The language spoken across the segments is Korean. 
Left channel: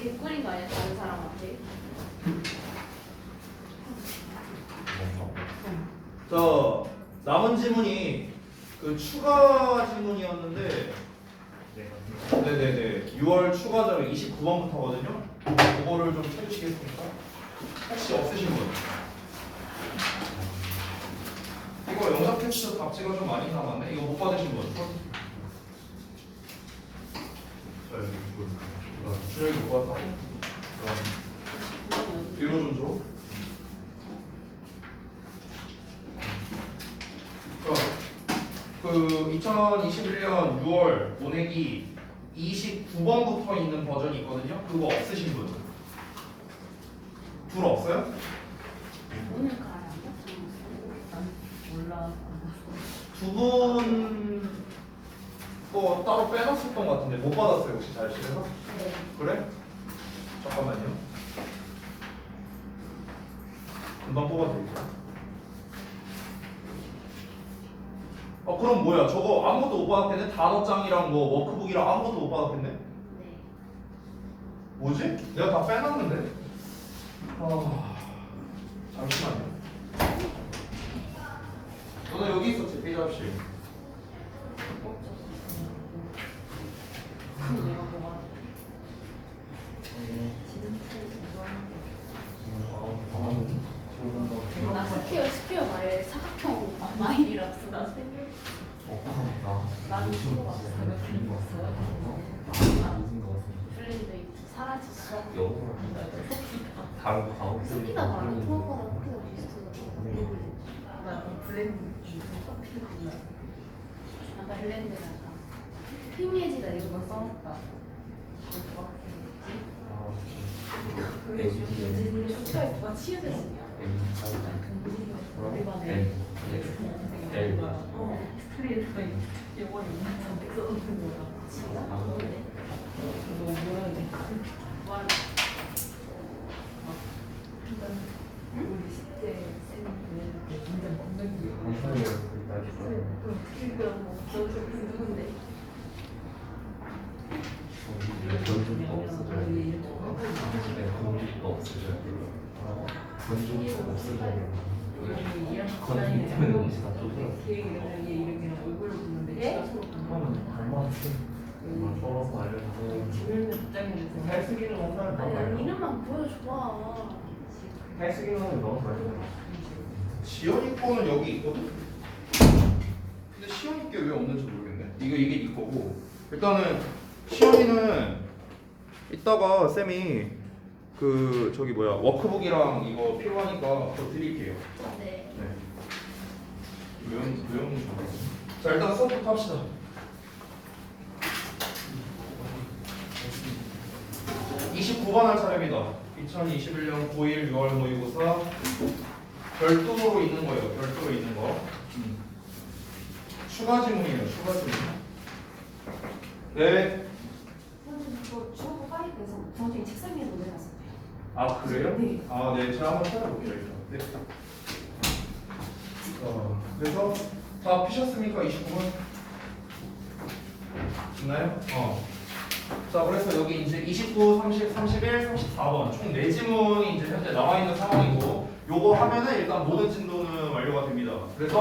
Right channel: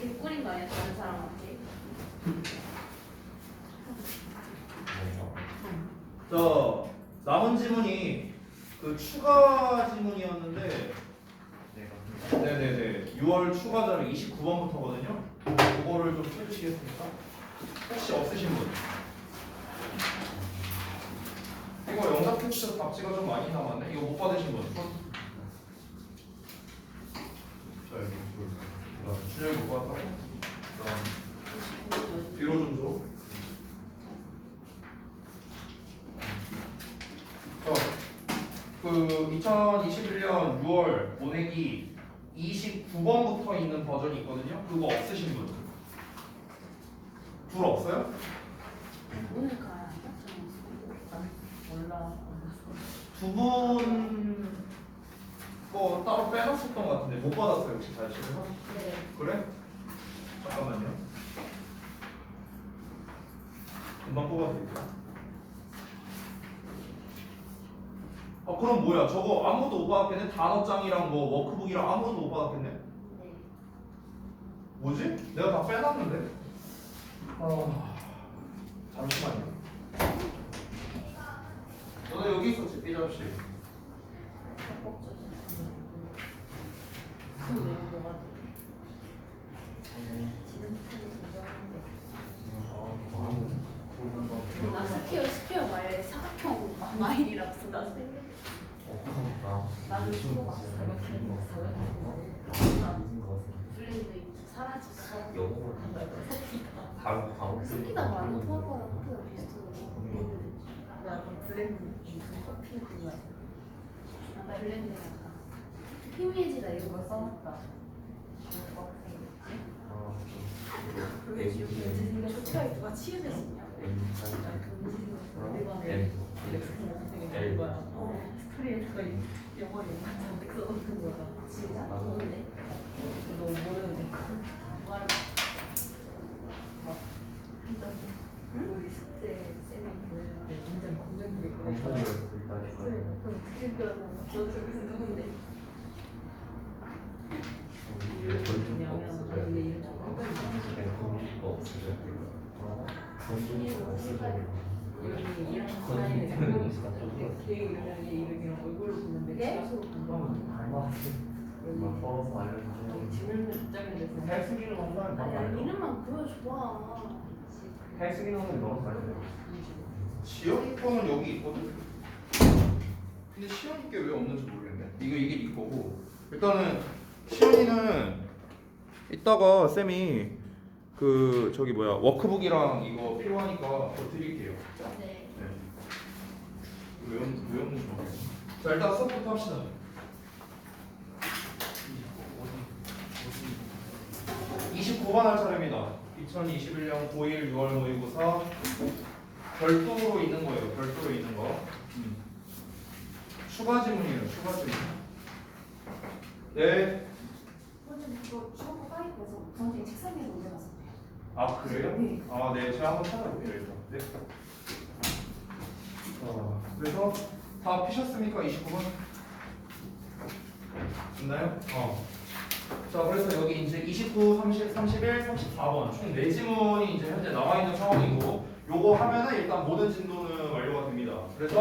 개꿀인 거 아니야 다른 사람한테? 자, 남은 지문이 그 추가 지문이었는데 네네네 6월 추가 자료 29번부터거든요. 그거를 좀 해주시겠습니까? 혹시 없으신 분? 이거 영상 텍스트 답지가 좀 많이 남았네. 이거 못 받으신 분? 자 여기 준혁이 못 받았다고? 뒤로 좀 줘. 그 2021년 6월 모내기 29번부터 있는 버전이 있거든요. 그거 없으신 분? 둘 없어요? 오늘 가야 난 몰라. 두 분 거 따로 빼놨었던 것 같은데 못 받았어요 혹시 자료실에서? 네. 그래? 잠깐만요. 금방 뽑아드릴게요. 그럼 뭐야? 저거 아무것도 못 받았겠네? 단어장이랑 뭐 워크북이랑 아무것도 못 받았겠네? 네. 뭐지? 내가 다 빼놨는데? 잠시만요. 너는 여기 있었지? 페이지 없이. 내가 뭐가 나 스퀘어 말에 사각형 마일이라서 나는 수고가 블렌드 사라졌어. 다른 거 가고 스키다 말고 토하거나 스키가 비슷하더라고. 나 블렌드 커피야. 아까 블렌드란다. 희미해지다 이런 거 써놨다. 스퀘어 누가 치유됐냐? 스트레이트가 영어로 인간한테 써놓는 거야. 진짜? 모르네. 너무 모르는데. 말. 우리 숙제 쌤이 완전 건강이. 그러니까 저 누군데? 아니 이름만 보여줘봐. 지연이 거는 여기 있거든? 근데 시연이 게 왜 없는지 모르겠네. 이게 네 거고. 일단은 시연이는 이따가 쌤이 그 저기 뭐야 워크북이랑 이거 필요하니까 그거 드릴게요. 네. 외우는 거. 자 일단 수업부터 합시다. 29번 할 차례입니다. 2021년 고1 6월 모의고사 별도로 있는 거예요. 별도로 있는 거. 추가 지문이에요. 추가 지문. 네. 선생님 저 수업 파일에서 선생님 책상 위에 올려놨어요. 아 그래요? 네. 아 네. 제가 한번 찾아볼게요 일단. 네. 그래서 다 피셨습니까? 29번? 있나요? 자 그래서 여기 이제 29, 30, 31, 34번 총 4지문이 이제 현재 남아있는 상황이고 요거 하면은 일단 모든 진도는 완료가 됩니다. 그래서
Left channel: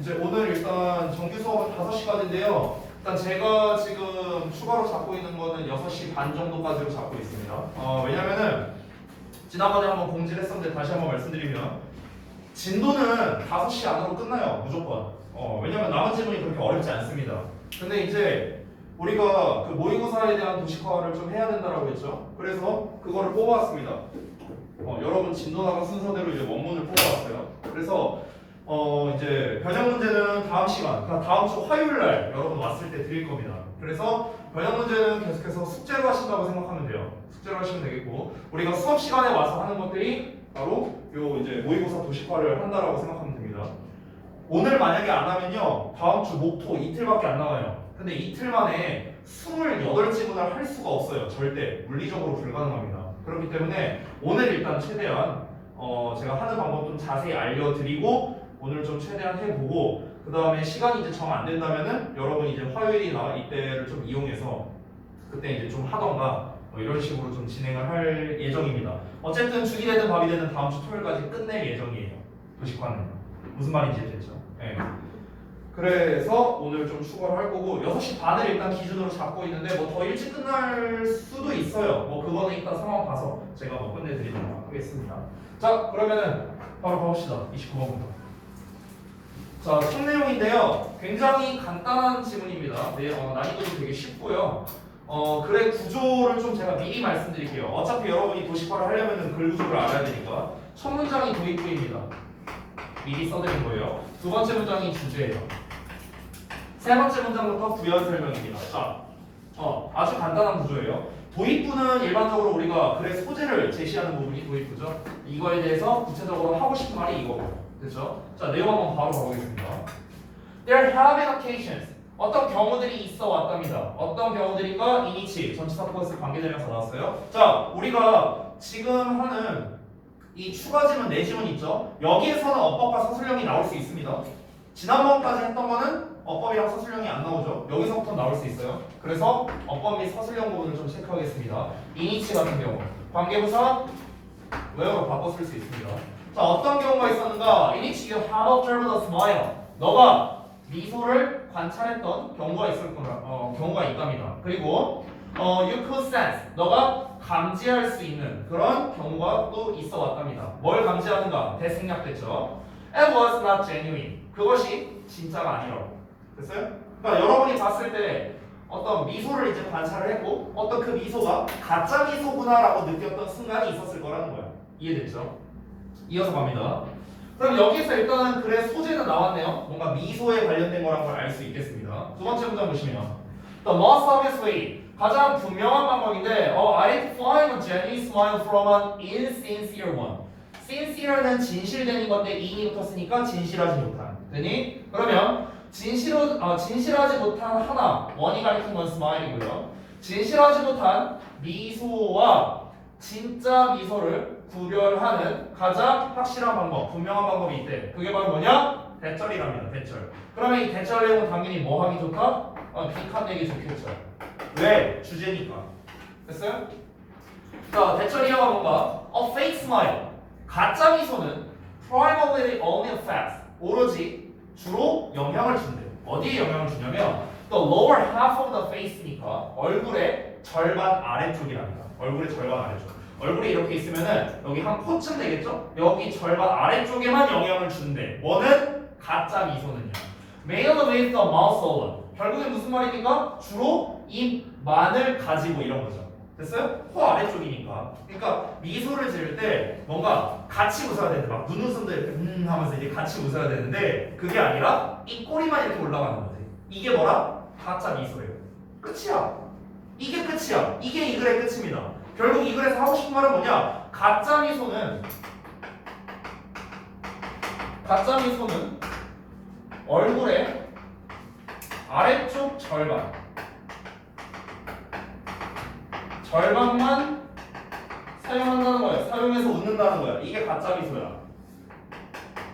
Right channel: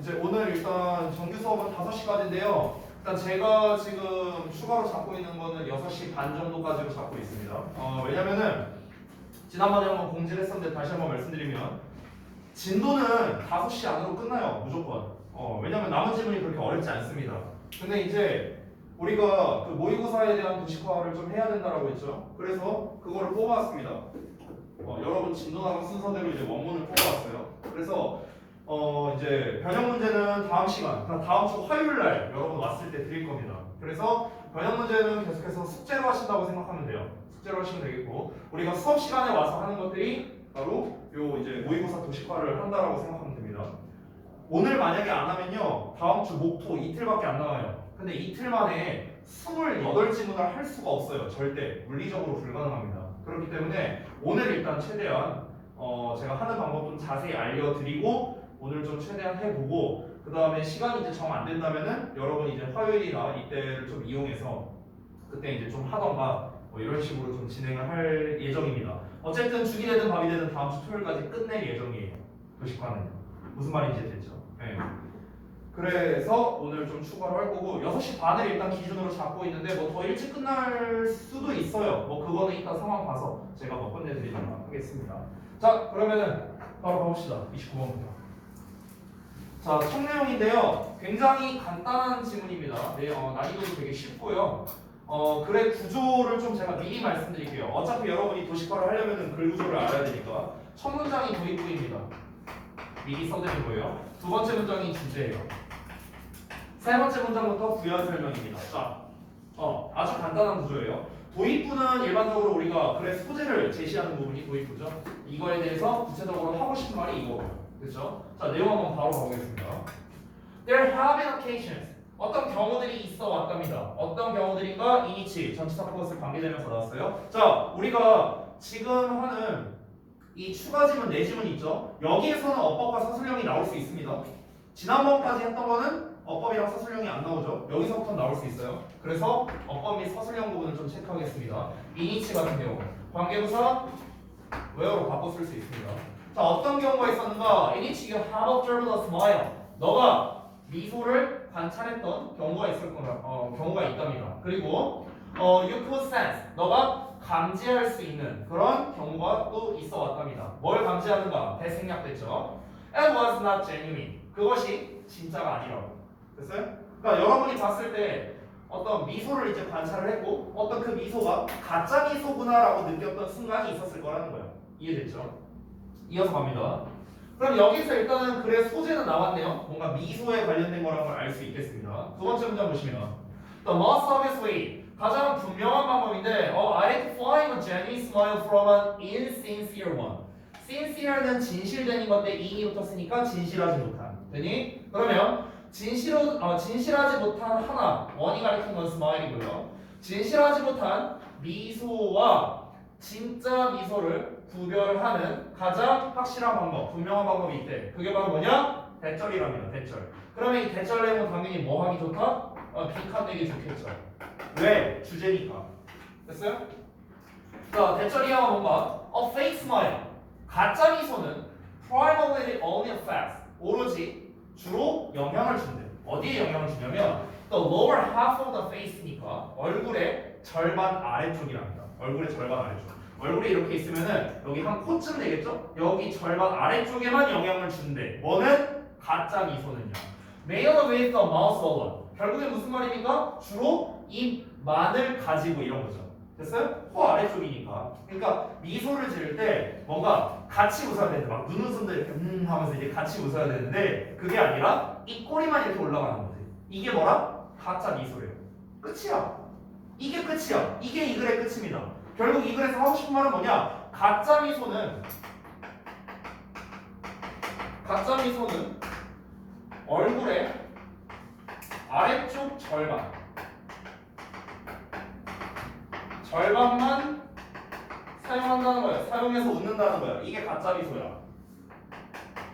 이제 오늘 일단 정규 수업은 5시까지인데요. 일단 제가 지금 추가로 잡고 있는 거는 6시 반 정도까지로 잡고 있습니다. 왜냐면은 지난번에 한번 공지를 했었는데 다시 한번 말씀드리면 진도는 5시 안으로 끝나요. 무조건. 왜냐면 남은 지문이 그렇게 어렵지 않습니다. 근데 이제 우리가 그 모의고사에 대한 도식화를 좀 해야 된다라고 했죠. 그래서 그거를 뽑아왔습니다. 여러분 진도 나간 순서대로 이제 원문을 뽑아왔어요. 그래서 이제 변형 문제는 다음 시간, 그러니까 다음 주 화요일 날 여러분 왔을 때 드릴 겁니다. 그래서 변형 문제는 계속해서 숙제로 하신다고 생각하면 돼요. 숙제로 하시면 되겠고 우리가 수업 시간에 와서 하는 것들이 바로 요 이제 모의고사 도식화를 한다라고 생각하면 됩니다. 오늘 만약에 안 하면요 다음 주 목토 이틀밖에 안 남아요. 근데 이틀 만에 28지문을 할 수가 없어요. 절대 물리적으로 불가능합니다. 그렇기 때문에 오늘 일단 최대한 제가 하는 방법 좀 자세히 알려드리고 오늘 좀 최대한 해보고 그 다음에 시간이 이제 정 안 된다면은 여러분이 이제 화요일이나 이때를 좀 이용해서 그때 이제 좀 하던가 뭐 이런 식으로 좀 진행을 할 예정입니다. 어쨌든 죽이 되든 밥이 되든 다음 주 토요일까지 끝낼 예정이에요. 도식화는. 무슨 말인지 됐죠? 네. 그래서 오늘 좀 추가를 할 거고 6시 반을 일단 기준으로 잡고 있는데 뭐 더 일찍 끝날 수도 있어요. 뭐 그거는 이따 상황 봐서 제가 뭐 끝내드리도록 하겠습니다. 자 그러면은 바로 가봅시다. 29번부터. 자, 첫 내용인데요. 굉장히 간단한 지문입니다. 네, 난이도도 되게 쉽고요. 글의 구조를 좀 제가 미리 말씀드릴게요. 어차피 여러분이 도식화를 하려면 글 구조를 알아야 되니까. 첫 문장이 도입부입니다. 미리 써드린 거예요. 두 번째 문장이 주제예요. 세 번째 문장부터 부연 설명입니다. 자, 아주 간단한 구조예요. 도입부는 일반적으로 우리가 글의 소재를 제시하는 부분이 도입부죠. 이거에 대해서 구체적으로 하고 싶은 말이 이거고요. 그렇죠? 자, 내용 한번 바로 가보겠습니다. There have been occasions. 어떤 경우들이 있어 왔답니다. 어떤 경우들인가? 이니치, 전치사 플러스 관계대명사 나왔어요. 자, 우리가 지금 하는 이 추가 지문, 내지문 있죠? 여기에서는 어법과 서술형이 나올 수 있습니다. 지난번까지 했던 거는 어법이랑 서술형이 안 나오죠. 여기서부터 나올 수 있어요. 그래서 어법 및 서술형 부분을 좀 체크하겠습니다. 이니치 같은 경우 관계부사 where로 바꿔 쓸 수 있습니다. 자, 어떤 경우가 있었는가? 이니치 you have observed a smile. 너가 미소를 관찰했던 경우가 있을 거다. 경우가 있답니다. 그리고 you could sense. 너가 감지할 수 있는 그런 경우가 또 있어 왔답니다. 뭘 감지하는가? 대생략됐죠. It was not genuine. 그것이 진짜가 아니라고. 됐어요? 그러니까 여러분이 봤을 때 어떤 미소를 이제 관찰을 했고 어떤 그 미소가 가짜 미소구나라고 느꼈던 순간이 있었을 거라는 거예요. 이해됐죠? 이어서 갑니다. 그럼 여기서 일단은 글의 소재는 나왔네요. 뭔가 미소에 관련된 거란 걸 알 수 있겠습니다. 두 번째 문장 보시면 The most obvious way 가장 분명한 방법인데 identifying a genuine smile from an insincere one. sincere는 진실된 건데 in이 붙었으니까 진실하지 못한. 되니? 그러면 진실하지 못한 하나 원이 가리킨 건 스마일이고요. 진실하지 못한 미소와 진짜 미소를 구별하는 가장 확실한 방법, 분명한 방법이 있대. 그게 바로 뭐냐? 대절이랍니다. 대절. 그러면 이 대절 내용은 당연히 뭐 하기 좋다? 빅한내기 좋겠죠. 왜? 주제니까. 됐어요? 자, 대절이야가 뭔가? A fake smile. 가짜 미소는 primarily only affects. 오로지 주로 영향을 준대. 어디에 영향을 주냐면 the lower half of the face니까 얼굴의 절반 아래쪽이랍니다. 얼굴의 절반 아래쪽. 얼굴이 이렇게 있으면은 여기 한 코쯤 되겠죠? 여기 절반 아래쪽에만 영향을 주는데 뭐는? 가짜 미소는요. Male with the mouth alone. 결국에 무슨 말입니까? 주로 입만을 가지고 이런 거죠. 됐어요? 코 아래쪽이니까. 그러니까 미소를 지을 때 뭔가 같이 웃어야 되는데 막 눈웃음도 이렇게 하면서 이제 같이 웃어야 되는데 그게 아니라 이 꼬리만 이렇게 올라가는 거지. 이게 뭐라? 가짜 미소예요. 끝이야. 이게 끝이야. 이게 이 글의 끝입니다. 결국 이 글에서 하고 싶은 말은 뭐냐? 가짜 미소는 얼굴의 아래쪽 절반만 사용한다는 거예요. 사용해서 웃는다는 거야. 이게 가짜 미소야.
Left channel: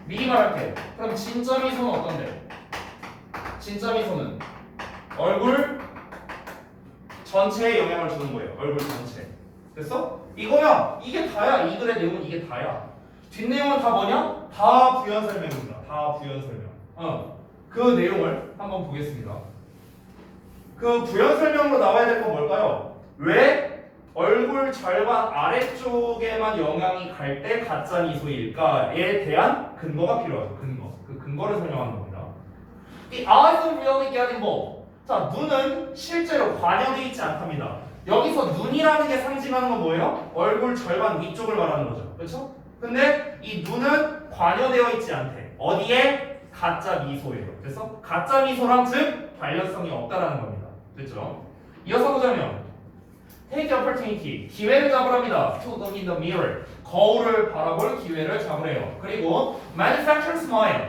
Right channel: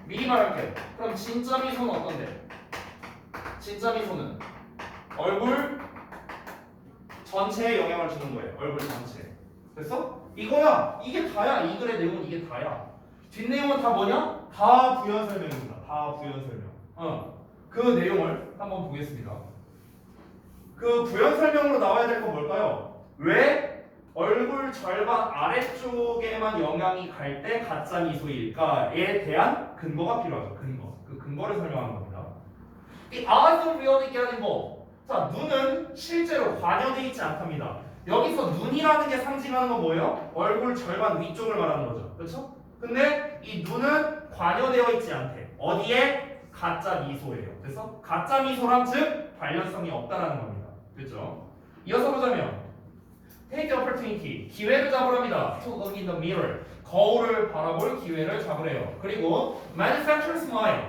미리 말할게. 그럼 진짜 미소는 어떤데? 진짜 미소는 얼굴 전체에 영향을 주는 거예요. 얼굴 전체. 됐어? 이거야. 이게 다야. 이 글의 내용은 이게 다야. 뒷내용은 다 뭐냐? 다 부연 설명입니다. 다 부연 설명. 그 내용을 한번 보겠습니다. 그 부연 설명으로 나와야 될 건 뭘까요? 왜 얼굴 절반 아래쪽에만 영향이 갈 때 가짜 미소일까에 대한 근거가 필요하죠. 근거. 그 근거를 설명하는 겁니다. The eyes don't really get involved. 자, 눈은 실제로 관여되어 있지 않답니다. 여기서 눈이라는 게 상징하는 건 뭐예요? 얼굴 절반 위쪽을 말하는 거죠. 그렇죠? 근데 이 눈은 관여되어 있지 않대. 어디에? 가짜 미소예요. 그래서 가짜 미소랑 즉 관련성이 없다라는 겁니다. 됐죠? 이어서 보자면 Take the opportunity. 기회를 잡으랍니다. To look in the mirror. 거울을 바라볼 기회를 잡으래요. 그리고 manufacture smile.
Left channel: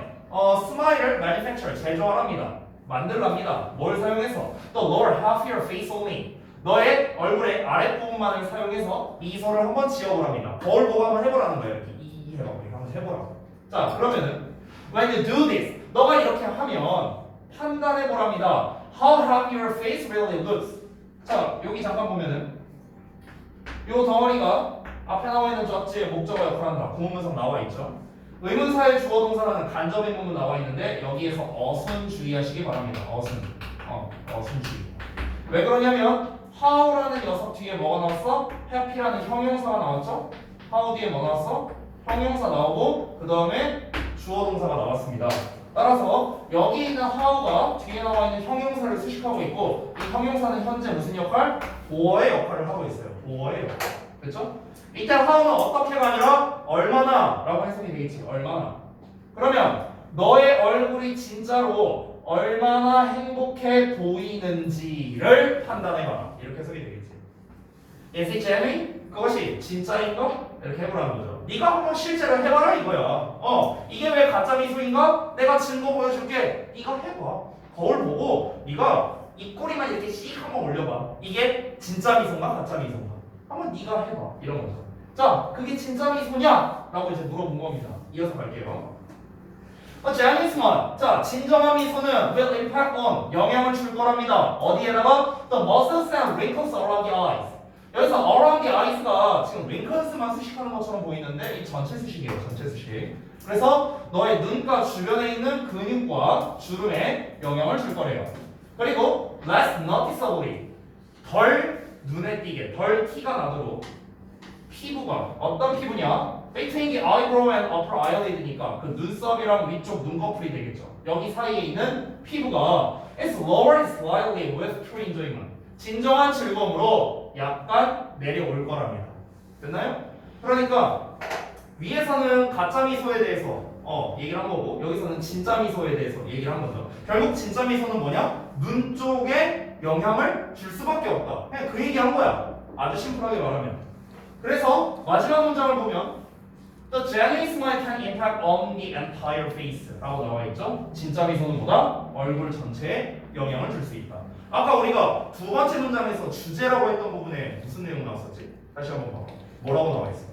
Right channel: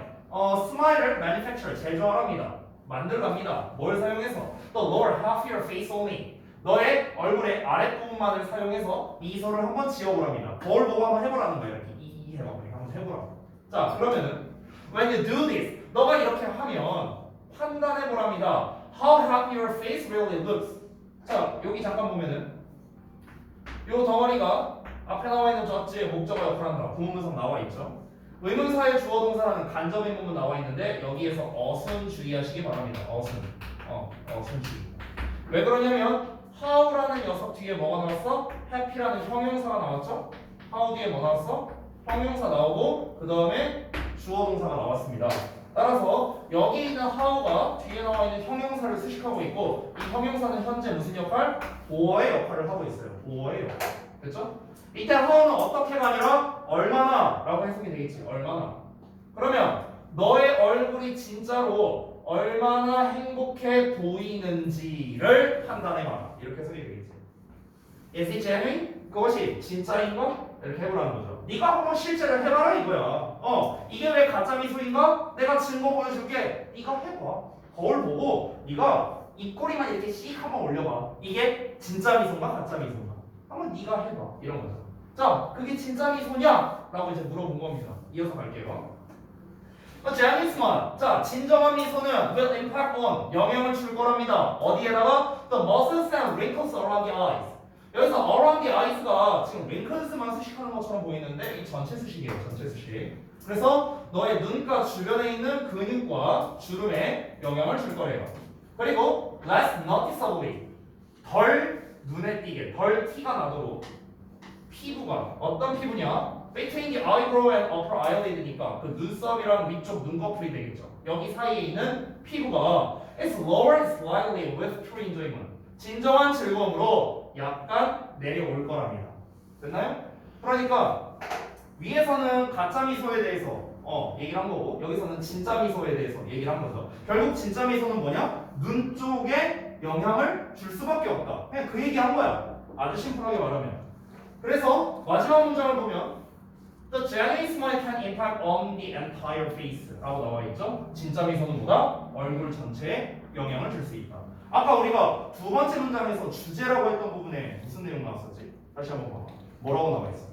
스마일을 manufacture, 제조하랍니다. 만들랍니다. 뭘 사용해서? The lower half of your face only. 너의 얼굴의 아랫부분만을 사용해서 미소를 한번 지어보랍니다. 거울 보고 한번 해보라는 거예요. 이렇게 해봐. 한번 해보라고. 자, 그러면은 when you do this, 너가 이렇게 하면 판단해보랍니다. How happy your face really looks. 자, 여기 잠깐 보면은 요 덩어리가 앞에 나와 있는 주어지의 목적어 역할을 한다. 구문문상 나와 있죠. 의문사의 주어 동사라는 간접 의문문 나와 있는데 여기에서 어순 주의하시기 바랍니다. 어순. 어순 주의. 왜 그러냐면 how라는 녀석 뒤에 뭐가 나왔어? happy라는 형용사가 나왔죠? how 뒤에 뭐 나왔어? 형용사 나오고 그 다음에 주어 동사가 나왔습니다. 따라서 여기 있는 how가 뒤에 나와 있는 형용사를 수식하고 있고 이 형용사는 현재 무슨 역할? 보어의 역할을 하고 있어요. 보어의 역할. 됐죠? 이때 how는 어떻게가 아니라 얼마나 라고 해석이 되겠지. 얼마나. 그러면 너의 얼굴이 진짜로 얼마나 행복해 보이는지를 판단해봐라. 이렇게 해석이 되겠지. Is it genuine? 그것이 진짜인 거? 이렇게 해보라는 거죠. 네가 한번 실제로 해봐라 이거야. 이게 왜 가짜 미소인가? 내가 증거 보여줄게. 네가 해봐. 거울 보고 네가 입꼬리만 이렇게 씩 한번 올려봐. 이게 진짜 미소인가 가짜 미소인가? 한번 네가 해봐. 이런 거죠. 자, 그게 진짜 미소냐? 라고 이제 물어본 겁니다. 이어서 갈게요. genuine smile. 자, 진정한 미소는 will impact on 영향을 줄 거랍니다. 어디에다가? The muscles and wrinkles around the eyes. 여기서 around the eyes가 지금 wrinkles만 수식하는 것처럼 보이는데 이 전체 수식이에요. 전체 수식. 그래서 너의 눈가 주변에 있는 근육과 주름에 영향을 줄 거래요. 그리고 less noticeably 덜 눈에 띄게 덜 티가 나도록 피부가 어떤 피부냐? Between the eyebrow and upper eyelid니까 그 눈썹이랑 위쪽 눈꺼풀이 되겠죠. 여기 사이에 있는 피부가 is lowered slightly with true enjoyment. 진정한 즐거움으로 약간 내려올 거랍니다. 됐나요? 그러니까 위에서는 가짜 미소에 대해서 얘기를 한 거고 여기서는 진짜 미소에 대해서 얘기를 한 거죠. 결국 진짜 미소는 뭐냐? 눈 쪽에 영향을 줄 수밖에 없다. 그냥 그 얘기 한 거야. 아주 심플하게 말하면. 그래서 마지막 문장을 보면 The genuine smile can impact on the entire face 라고 나와 있죠. 진짜 미소는 뭐다? 얼굴 전체에 영향을 줄 수 있다. 아까 우리가 두 번째 문장에서 주제라고 했던 부분에 무슨 내용 나왔었지? 다시 한번 봐. 뭐라고 나와 있어?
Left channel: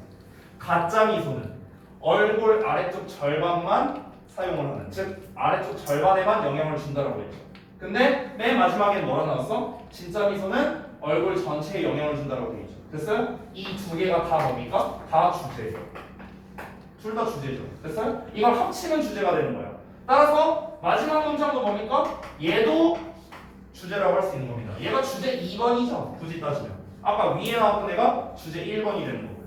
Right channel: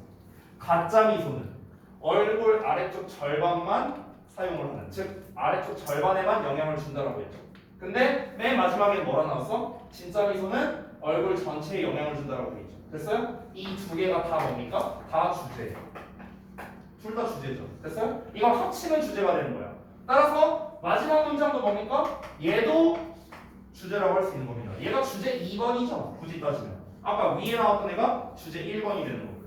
가짜 미소는 얼굴 아래쪽 절반만 사용을 하는, 즉 아래쪽 절반에만 영향을 준다라고 했죠. 근데 맨 마지막에 뭐라 나왔어? 진짜 미소는 얼굴 전체에 영향을 준다라고 했죠. 됐어요? 이 두 개가 다 뭡니까? 다 주제죠. 둘 다 주제죠. 됐어요? 이걸 합치면 주제가 되는 거야. 따라서 마지막 문장도 뭡니까? 얘도 주제라고 할 수 있는 겁니다. 얘가 주제 2번이죠. 굳이 따지면. 아까 위에 나왔던 애가 주제 1번이 되는 거고요.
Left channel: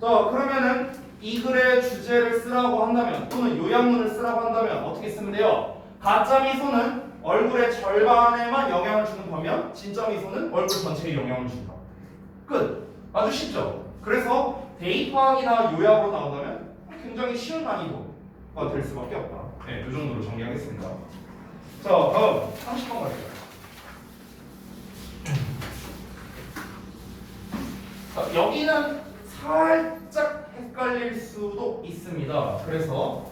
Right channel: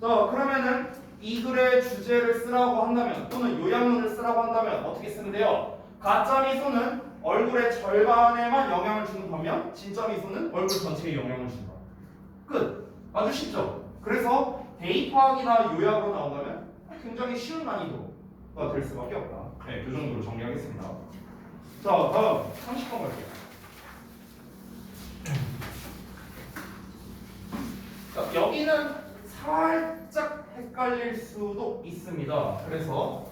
자, 그러면은 이 글의 주제를 쓰라고 한다면 또는 요약문을 쓰라고 한다면 어떻게 쓰면 돼요? 가짜 미소는 얼굴의 절반에만 영향을 주는 반면 진짜 미소는 얼굴 전체에 영향을 준다. 끝. 아주 쉽죠? 그래서 대입하기나 요약으로 나온다면 굉장히 쉬운 난이도가 될 수밖에 없다. 네, 이 정도로 정리하겠습니다. 자, 다음 30번 갈게요. 자, 여기는 살짝 헷갈릴 수도 있습니다. 그래서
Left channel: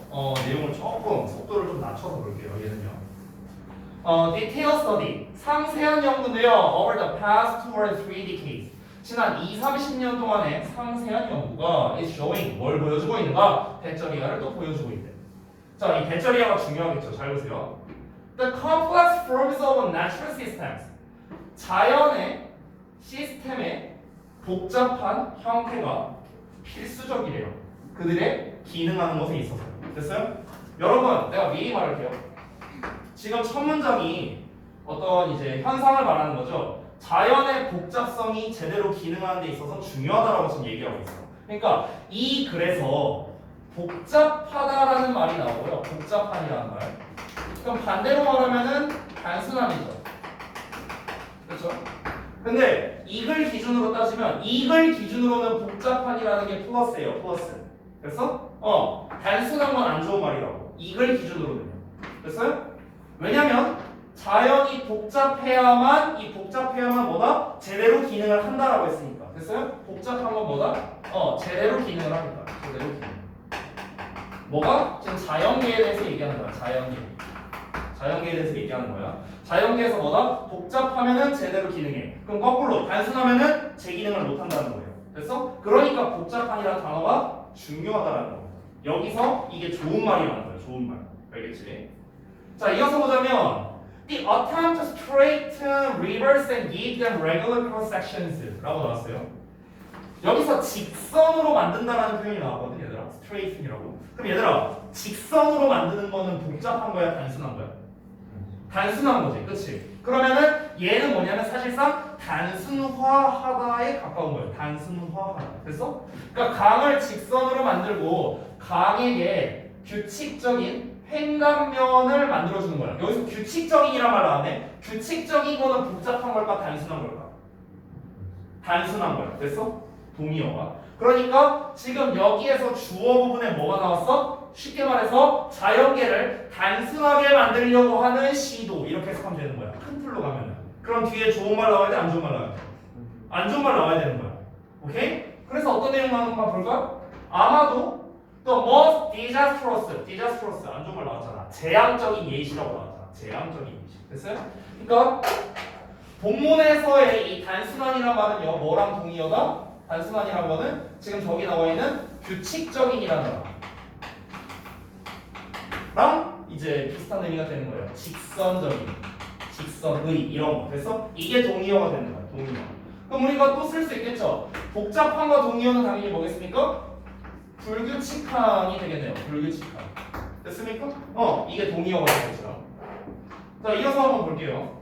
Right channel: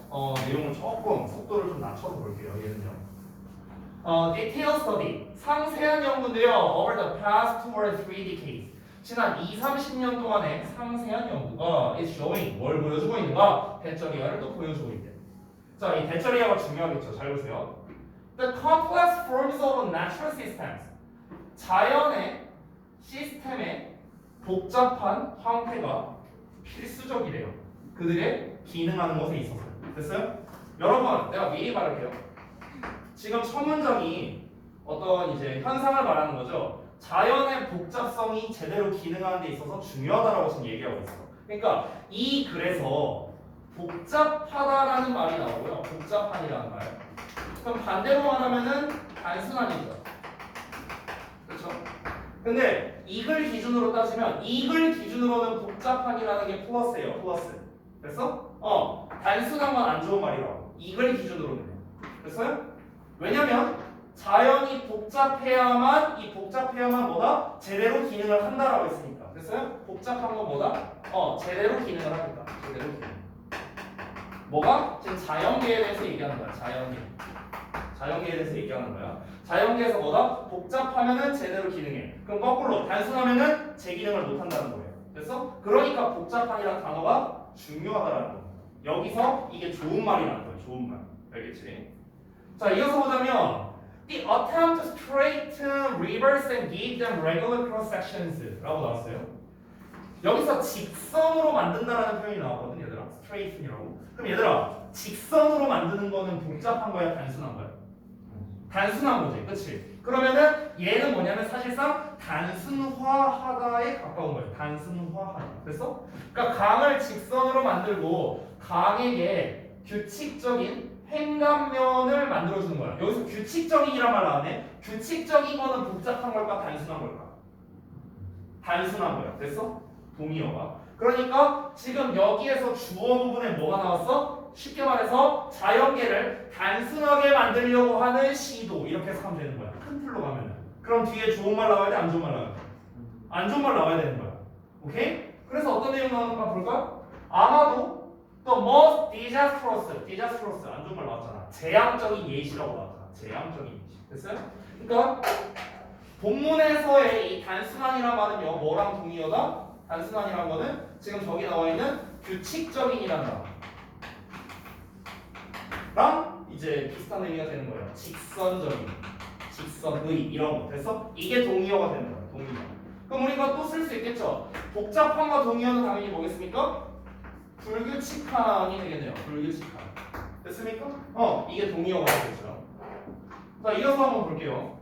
내용을 조금 속도를 좀 낮춰서 볼게요. 얘는요. Detail study 상세한 연구인데요. Over the past 2 or 3 decades 지난 20-30년 동안의 상세한 연구가 is showing 뭘 보여주고 있는가? 대절이야를 또 보여주고 있대. 자, 이 대절이야가 중요하겠죠. 잘 보세요. The complex forms of natural systems 자연의 시스템의 복잡한 형태가 필수적이래요. 그들의 기능하는 것에 있어서. 됐어요? 여러분, 내가 미리 말할게요. 지금 첫 문장이 어떤 이제 현상을 말하는 거죠. 자연의 복잡성이 제대로 기능하는 데 있어서 중요하다라고 지금 얘기하고 있어요. 그러니까 이 글에서 복잡하다라는 말이 나오고요. 복잡한이라는 말. 그럼 반대로 말하면은 단순함이죠. 그렇죠? 근데 이글 기준으로 따지면 이글 기준으로는 복잡한이라는 게 플러스예요. 플러스. 됐어? 단순한 건 안 좋은 말이라고. 이글 기준으로는요. 됐어요? 왜냐면 자연이 복잡해야만 뭐다? 제대로 기능을 한다라고 했으니까. 됐어요? 복잡한 건 뭐다? 제대로 기능을 하겠다. 제대로 기능. 뭐가? 지금 자연계에 대해서 얘기하는 거야. 자연계에 대해서 얘기하는 거야. 자연계에서 뭐다? 복잡하면은 제대로 기능해. 그럼 거꾸로 단순하면은 제 기능을 못 한다는 거예요. 됐어? 그러니까 복잡한이라는 단어가 중요하다라는 겁니다. 여기서 이게 좋은 말이라는 거예요. 좋은 말. 알겠지? 자, 이어서 보자면 The attempt to straighten rivers and give them regular cross sections 라고 나왔어요. 여기서 직선으로 만든다라는 표현이 나왔거든 얘들아. straighthen이라고. 그럼 얘들아 직선으로 만드는 거는 복잡한 거야 단순한 거야? 단순한 거지, 그치? 그러면은 얘는 뭐냐면 사실상 단순화하다에 가까운 거예요. 단순화하다. 됐어? 그러니까 강을 직선으로 만들고 강에게 규칙적인 횡단면을 만들어주는 거야. 여기서 규칙적인이란 말 나왔네. 규칙적인 거는 복잡한 걸까 단순한 걸까? 단순한 거야. 됐어? 동의어가. 그러니까 지금 여기에서 주어 부분에 뭐가 나왔어? 쉽게 말해서 자연계를 단순하게 만들려고 하는 시도 이렇게 해석하면 되는 거야. 큰 틀로 가면은. 그럼 뒤에 좋은 말 나와야 돼? 안 좋은 말 나와야 돼? 안 좋은 말 나와야 되는 거야. 오케이? 그래서 어떤 내용 나오는가 볼까? 아마도 또 most disastrous 안 좋은 말 나왔잖아. 재앙적인 예시라고 나왔잖아. 재앙적인 예시. 됐어요? 그러니까 본문에서의 이 단순한이란 말은요. 뭐랑 동의어다? 단순한이란 거는 지금 저기 나와 있는 규칙적인이라는 단어 랑 이제 비슷한 의미가 되는 거예요. 직선적인, 직선의 이런 거 됐어? 이게 동의어가 되는 거야. 동의어. 그럼 우리가 또 쓸 수 있겠죠. 복잡한과 동의어는 당연히 뭐겠습니까? 불규칙한이 되겠네요. 불규칙한. 됐습니까? 이게 동의어가 되겠죠. 자, 이어서 한번 볼게요.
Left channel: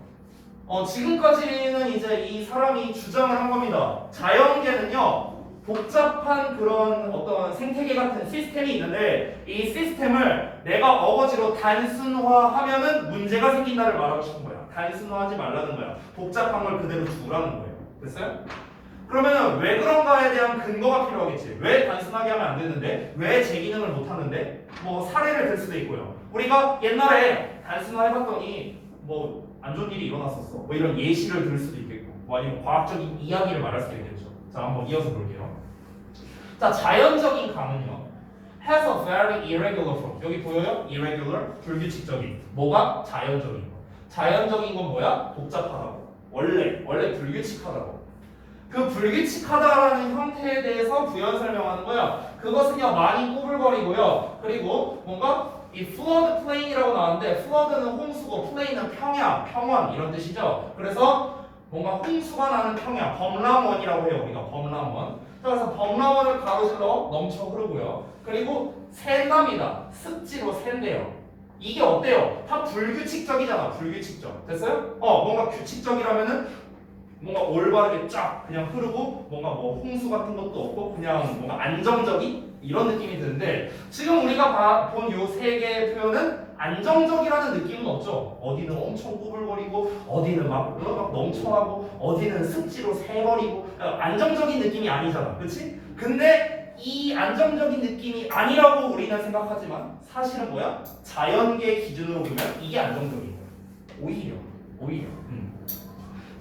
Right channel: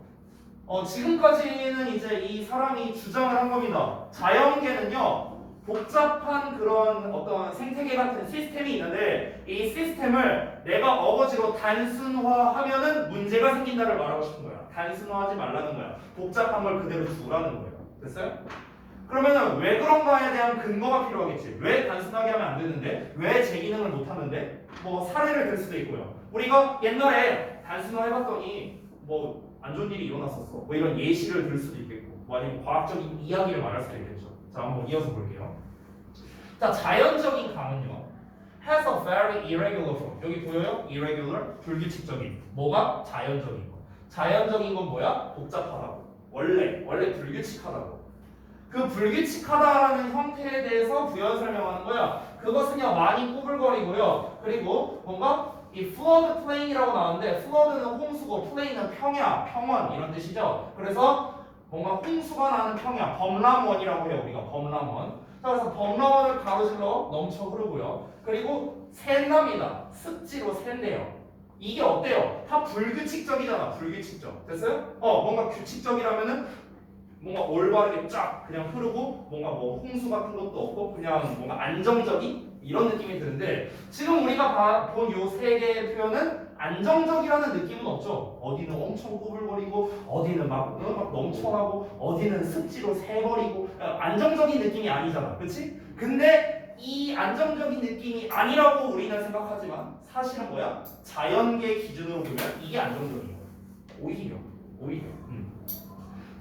지금까지는 이제 이 사람이 주장을 한 겁니다. 자연계는요, 복잡한 그런 어떤 생태계 같은 시스템이 있는데 이 시스템을 내가 어거지로 단순화하면은 문제가 생긴다를 말하고 싶은 거야. 단순화하지 말라는 거야. 복잡한 걸 그대로 두라는 거예요. 됐어요? 그러면 왜 그런가에 대한 근거가 필요하겠지. 왜 단순하게 하면 안 되는데? 왜 제 기능을 못 하는데? 뭐 사례를 들 수도 있고요. 우리가 옛날에 단순화해봤더니 뭐 안 좋은 일이 일어났었어. 뭐 이런 예시를 들 수도 있겠고, 뭐 아니면 과학적인 이야기를 말할 수도 있겠죠. 자, 한번 이어서 볼게요. 자, 자연적인 강은요, has a very irregular form. 여기 보여요? irregular, 불규칙적인. 뭐가? 자연적인 거. 자연적인 건 뭐야? 복잡하다고. 원래 불규칙하다고. 그 불규칙하다라는 형태에 대해서 부연 설명하는 거야. 그것은요 많이 꼬불거리고요. 그리고 뭔가 이 flood plain이라고 나왔는데 flood는 홍수고 plain은 평야, 평원 이런 뜻이죠. 그래서 뭔가 홍수가 나는 평야, 범람원이라고 해요. 우리가 범람원. 그래서 범람원을 가로질러 넘쳐 흐르고요. 그리고 샌답니다. 습지로 샌대요. 이게 어때요? 다 불규칙적이잖아. 불규칙적. 됐어요? 뭔가 규칙적이라면은 뭔가 올바르게 쫙 그냥 흐르고 뭔가 뭐 홍수 같은 것도 없고 그냥 뭔가 안정적인 이런 느낌이 드는데 지금 우리가 본 요 세 개의 표현은 안정적이라는 느낌은 없죠. 어디는 엄청 꼬불거리고 어디는 막 넘쳐나고 어디는 습지로 새버리고 안정적인 느낌이 아니잖아. 그렇지? 근데 이 안정적인 느낌이 아니라고 우리는 생각하지만 사실은 뭐야? 자연계 기준으로 보면 이게 안정적인 거야. 오히려.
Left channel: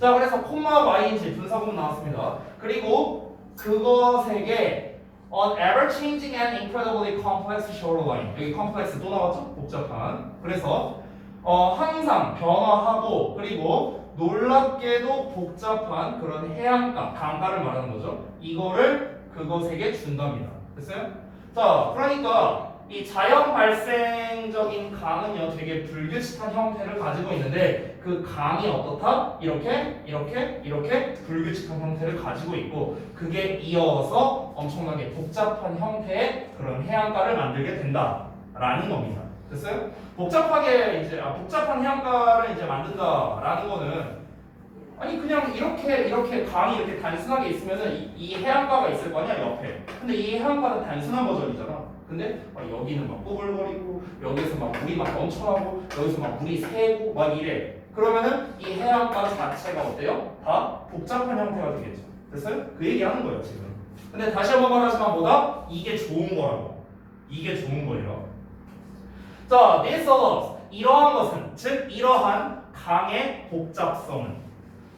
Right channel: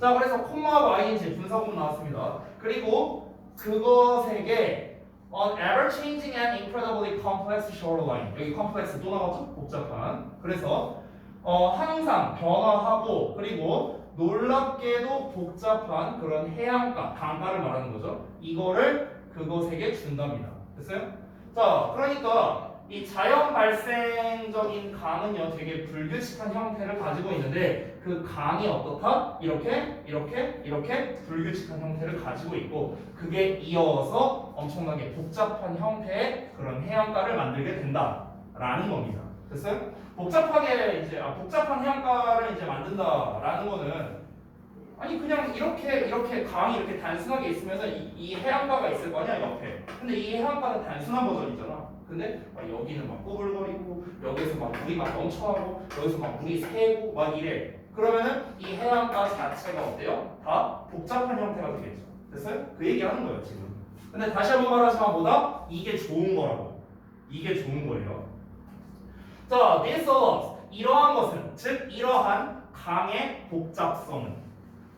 자, 그래서 콤마 y인지 분사구문 나왔습니다. 그리고 그것에게 an ever-changing and incredibly complex shoreline. 여기 complex 또 나왔죠? 복잡한. 그래서 항상 변화하고 그리고 놀랍게도 복잡한 그런 해안가, 강가를 말하는 거죠. 이거를 그것에게 준답니다. 됐어요? 자, 그러니까 이 자연 발생적인 강은요 되게 불규칙한 형태를 가지고 있는데 그 강이 어떻다? 이렇게 불규칙한 형태를 가지고 있고 그게 이어서 엄청나게 복잡한 형태의 그런 해안가를 만들게 된다라는 겁니다. 됐어요? 복잡한 해안가를 이제 만든다라는 거는 아니 그냥 이렇게 강이 이렇게 단순하게 있으면은 이 해안가가 있을 거 아니야 옆에. 근데 이 해안가는 단순한 버전이잖아. 근데 여기는 막 꼬불거리고 여기서 막 물이 막 넘쳐나고 여기서 막 물이 새고 막 이래. 그러면은 이 해안가 자체가 어때요? 다 복잡한 형태가 되겠죠. 됐어요? 그 얘기하는 거예요 지금. 근데 다시 한번 말하지만 뭐다? 이게 좋은 거라고. 이게 좋은 거예요. 자, this allows 이러한 것은 즉 이러한 강의 복잡성은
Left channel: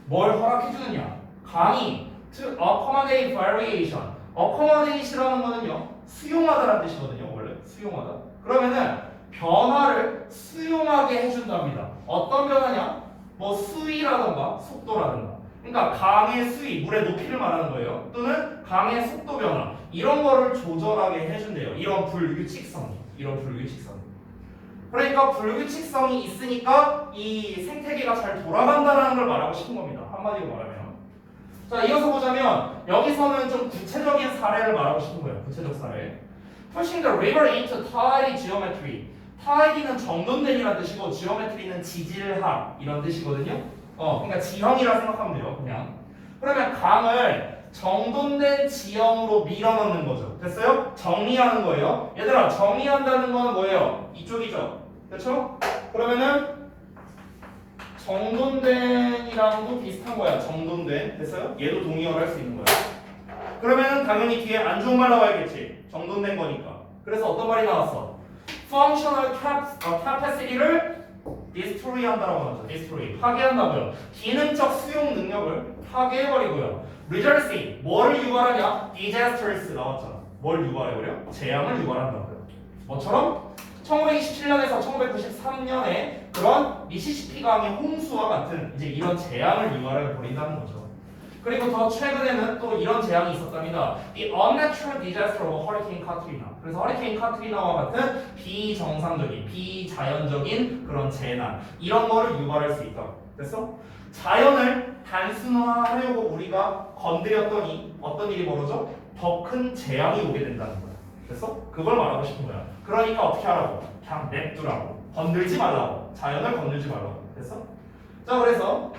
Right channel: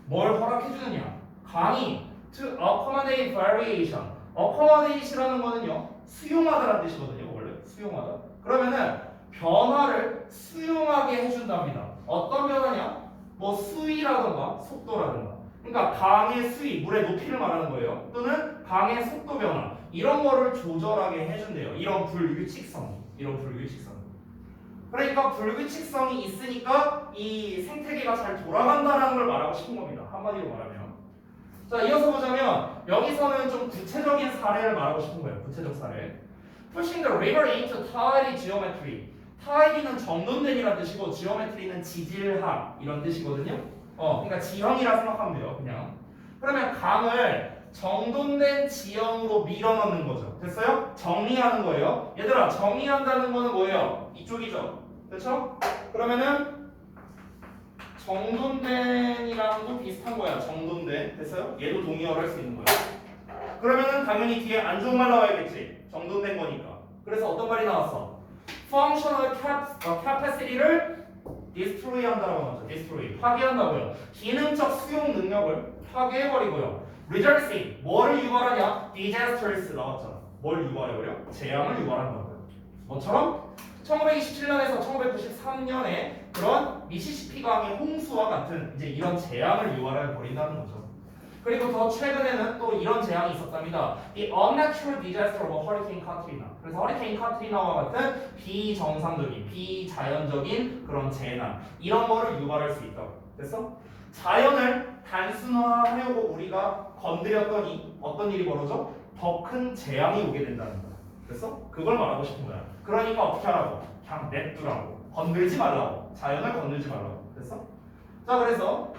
뭘 허락해주느냐? 강이 to accommodate variation. accommodate이라는 거는요 수용하다라는 뜻이거든요. 원래 수용하다. 그러면은 변화를 수용하게 해준답니다. 어떤 변화냐? 뭐 수위라던가 속도라든가. 그러니까 강의 수위, 물의 높이를 말하는 거예요. 또는 강의 속도 변화 이런 거를 조절하게 해준대요. 이런 불규칙성이. 그러니까 불규칙성이 있으니까 이 생태계가 잘 돌아간다는 걸 말하고 싶은 겁니다. 한마디로 말하면. 자, 이어서 보자면 여기서는 좀 구체적인 사례를 말하고 싶은 거예요. 구체적 사례. Pushing the river into tidy geometry. tidy는 정돈된이라는 뜻이고 geometry는 지질학 이런 뜻이거든요. 그러니까 지형이라 생각하면 돼요. 그냥. 그러면 강을 정돈된 지형으로 밀어넣는 거죠. 됐어요? 정리하는 거예요. 얘들아, 정리한다는 거는 뭐예요? 이쪽이죠. 그렇죠? 그러면은 정돈된이랑도 비슷한 거야. 정돈된. 됐어요? 얘도 동의어를 할 수 있는 거야. 그러면은 당연히 뒤에 안 좋은 말 나와야겠지. 정돈된 거니까. 그래서 어떤 말이 나왔어? Functional capacity를 destroy 한다라고 하죠. destroy. 파괴한다고요. 기능적 수용 능력을 파괴해버리고요. Reversing. 뭐를 유발하냐? disasters 나왔잖아. 뭘 유발해버려? 재앙을 유발한다고요. 뭐처럼? 1927년에서 1993년에 그런 미시시피 강의 홍수와 같은 이제 이런 재앙을 유발해 버린다는 거죠. 그리고 더 최근에는 또 이런 재앙이 있었답니다. The unnatural disaster of Hurricane Katrina. 그래서 허리케인 카트리나와 같은 비정상적인, 비자연적인 그런 재난 이런 거를 유발할 수 있다. 됐어? 자연을 단순화하려고 우리가 건드렸더니 어떤 일이 벌어져? 더 큰 재앙이 오게 된다는 거야. 됐어? 그걸 말하고 싶은 거야. 그러니까 어떻게 하라고? 그냥 냅두라고. 건들지 말라고. 자연을 건들지 말라고. 됐어? 자, 그래서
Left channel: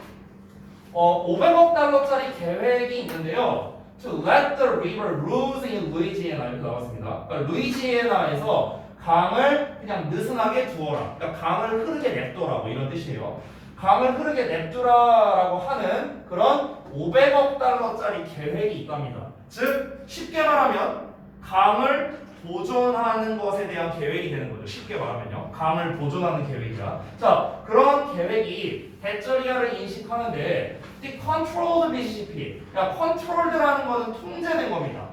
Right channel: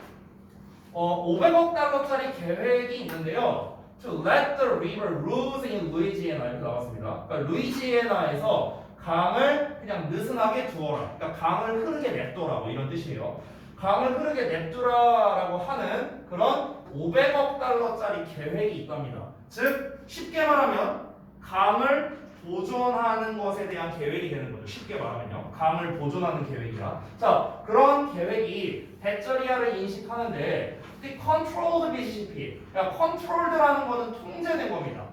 500억 달러짜리 계획이 있는데요. To let the river lose in Louisiana 이렇게 나왔습니다. 그러니까 루이지애나에서 강을 그냥 느슨하게 두어라. 그러니까 강을 흐르게 냅둬라고 이런 뜻이에요. 강을 흐르게 냅두라라고 하는 그런 500억 달러짜리 계획이 있답니다. 즉 쉽게 말하면 강을 보존하는 것에 대한 계획이 되는 거죠. 쉽게 말하면요. 강을 보존하는 계획이야. 자, 그런 계획이 대저리아를 인식하는데 the controlled Mississippi. 그러니까 controlled라는 거는 통제된 겁니다.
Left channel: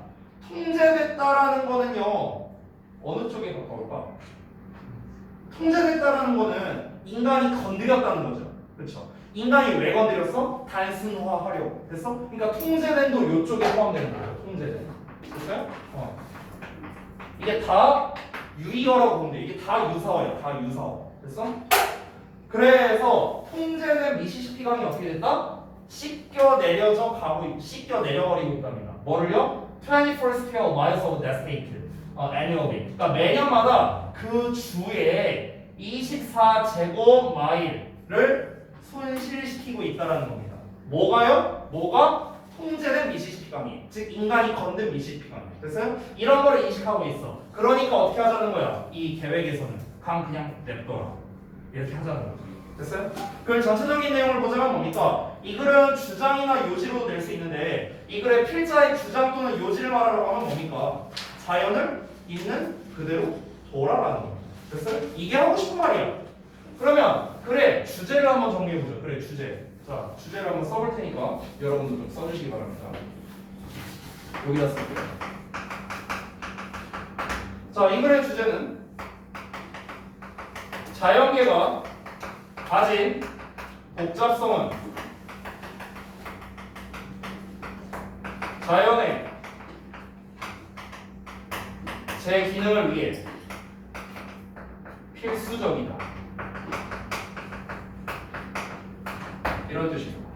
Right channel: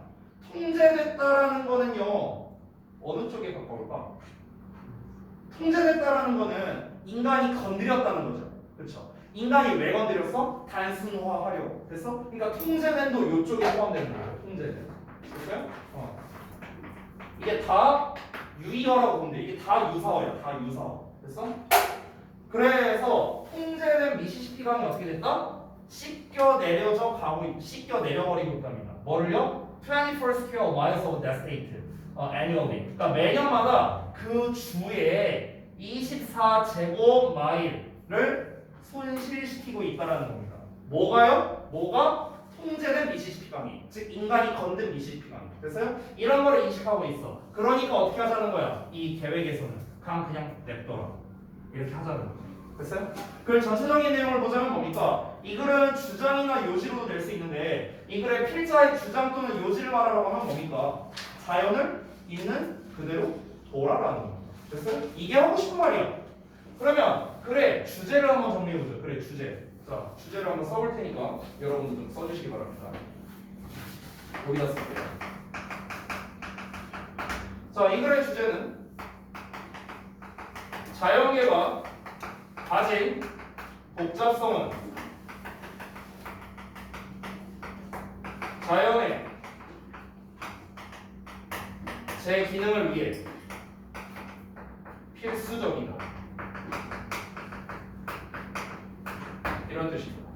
통제됐다라는 거는요. 어느 쪽에 가까울까? 통제됐다라는 거는 인간이 건드렸다는 거죠. 그렇죠? 인간이 왜 건드렸어? 단순화하려고. 됐어? 그러니까 통제된도 이쪽에 포함되는 거예요. 통제된. 됐어요? 이게 다 유의어라고 보면 돼. 이게 다 유사어야. 다 유사어. 됐어? 그래서 통제된 미시시피 강이 어떻게 됐다? 씻겨 내려버리고 있답니다. 뭐를요? 24 square miles of devastation annually. 그러니까 매년마다 그 주에 24제곱마일을 손실시키고 있다는 겁니다. 뭐가요? 뭐가? 통제된 미시시피 강이. 즉 인간이 건든 미시시피 강이. 됐어요? 이런 거를 인식하고 있어. 그러니까 어떻게 하자는 거야? 이 계획에서는 강 그냥 냅둬라. 이렇게 하자는 거죠. 됐어요? 그 전체적인 내용을 보자면 뭡니까? 이 글은 주장이나 요지로도 낼 수 있는데 이 글의 필자의 주장 또는 요지를 말하라고 하면 뭡니까? 자연을 있는 그대로 둬라라는 겁니다. 됐어요? 이게 하고 싶은 말이야. 그러면 글의 주제를 한번 정리해보죠. 글의 주제. 자, 주제를 한번 써볼 테니까 여러분도 좀 써주시기 바랍니다. 여기다 쓸게요. 자, 이 글의 주제는 자연계가 가진 복잡성은 자연의 제 기능을 위해 필수적이다. 이런 뜻입니다.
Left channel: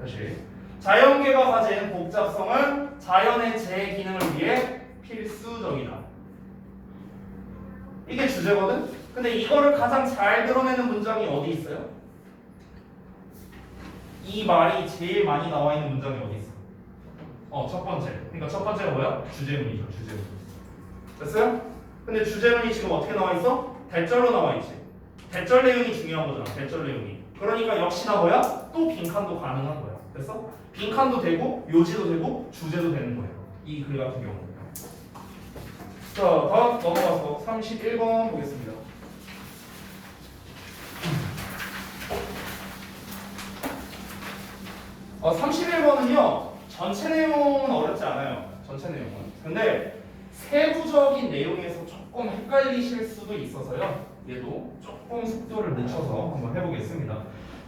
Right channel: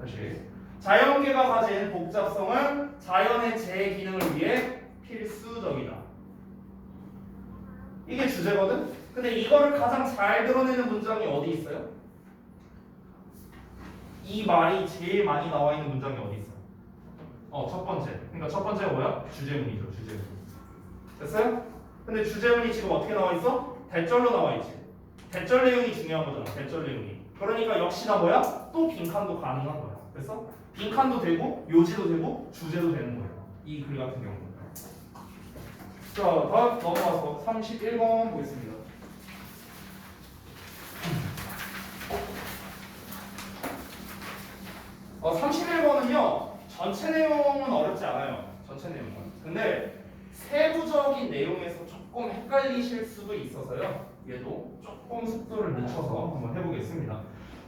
다시 자연계가 가진 복잡성은 자연의 제 기능을 위해 필수적이다. 이게 주제거든? 근데 이거를 가장 잘 드러내는 문장이 어디 있어요? 이 말이 제일 많이 나와 있는 문장이 어디 있어? 첫 번째. 그러니까 첫 번째가 뭐야? 주제문이죠. 주제문. 됐어요? 근데 주제문이 지금 어떻게 나와 있어? 대절로 나와 있지. 대절 내용이 중요한 거잖아. 대절 내용이. 그러니까 역시나 뭐야? 또 빈칸도 가능한 거야. 됐어? 빈칸도 되고 요지도 되고 주제도 되는 거예요. 이 글 같은 경우. 자, 다음 넘어가서 31번 보겠습니다. 어, 31번은요 전체 내용은 어렵지 않아요. 전체 내용은. 근데 세부적인 내용에서 조금 헷갈리실 수도 있어서요. 얘도 조금 속도를 늦춰서 한번 해보겠습니다.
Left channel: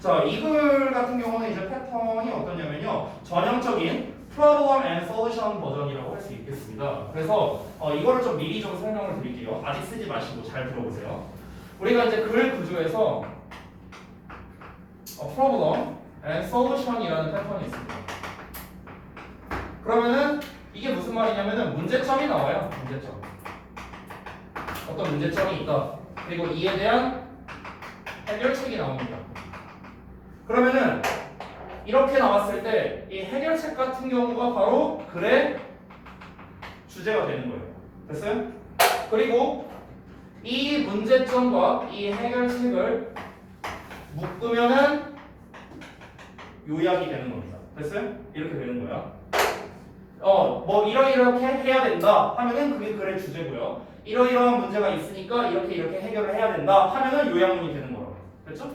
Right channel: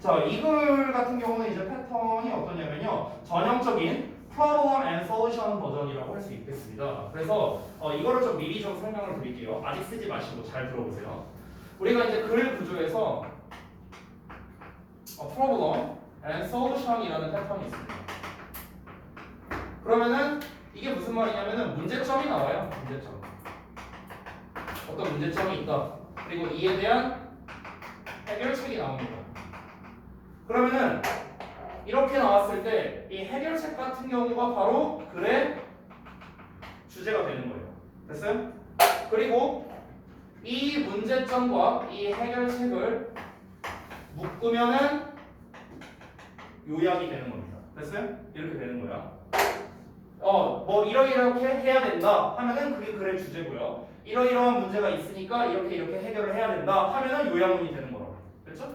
자, 이 글 같은 경우는 이제 패턴이 어떠냐면요. 전형적인 problem and solution 버전이라고 할 수 있겠습니다. 그래서 이거를 좀 미리 좀 설명을 드릴게요. 아직 쓰지 마시고 잘 들어보세요. 우리가 이제 글 구조에서 problem and solution이라는 패턴이 있습니다. 그러면은 이게 무슨 말이냐면은 문제점이 나와요. 문제점. 어떤 문제점이 있다. 그리고 이에 대한 해결책이 나옵니다. 그러면은 이렇게 나왔을 때 이 해결책 같은 경우가 바로 글의 주제가 되는 거예요. 됐어요? 그리고 이 문제점과 이 해결책을 묶으면은 요약이 되는 겁니다. 됐어요? 이렇게 되는 거야. 뭐 이렇게 해야 된다 하면은 그게 글의 주제고요. 이러이러한 문제가 있으니까 이렇게 해결을 해야 된다 하면은 요약문이 되는 거라고. 됐죠?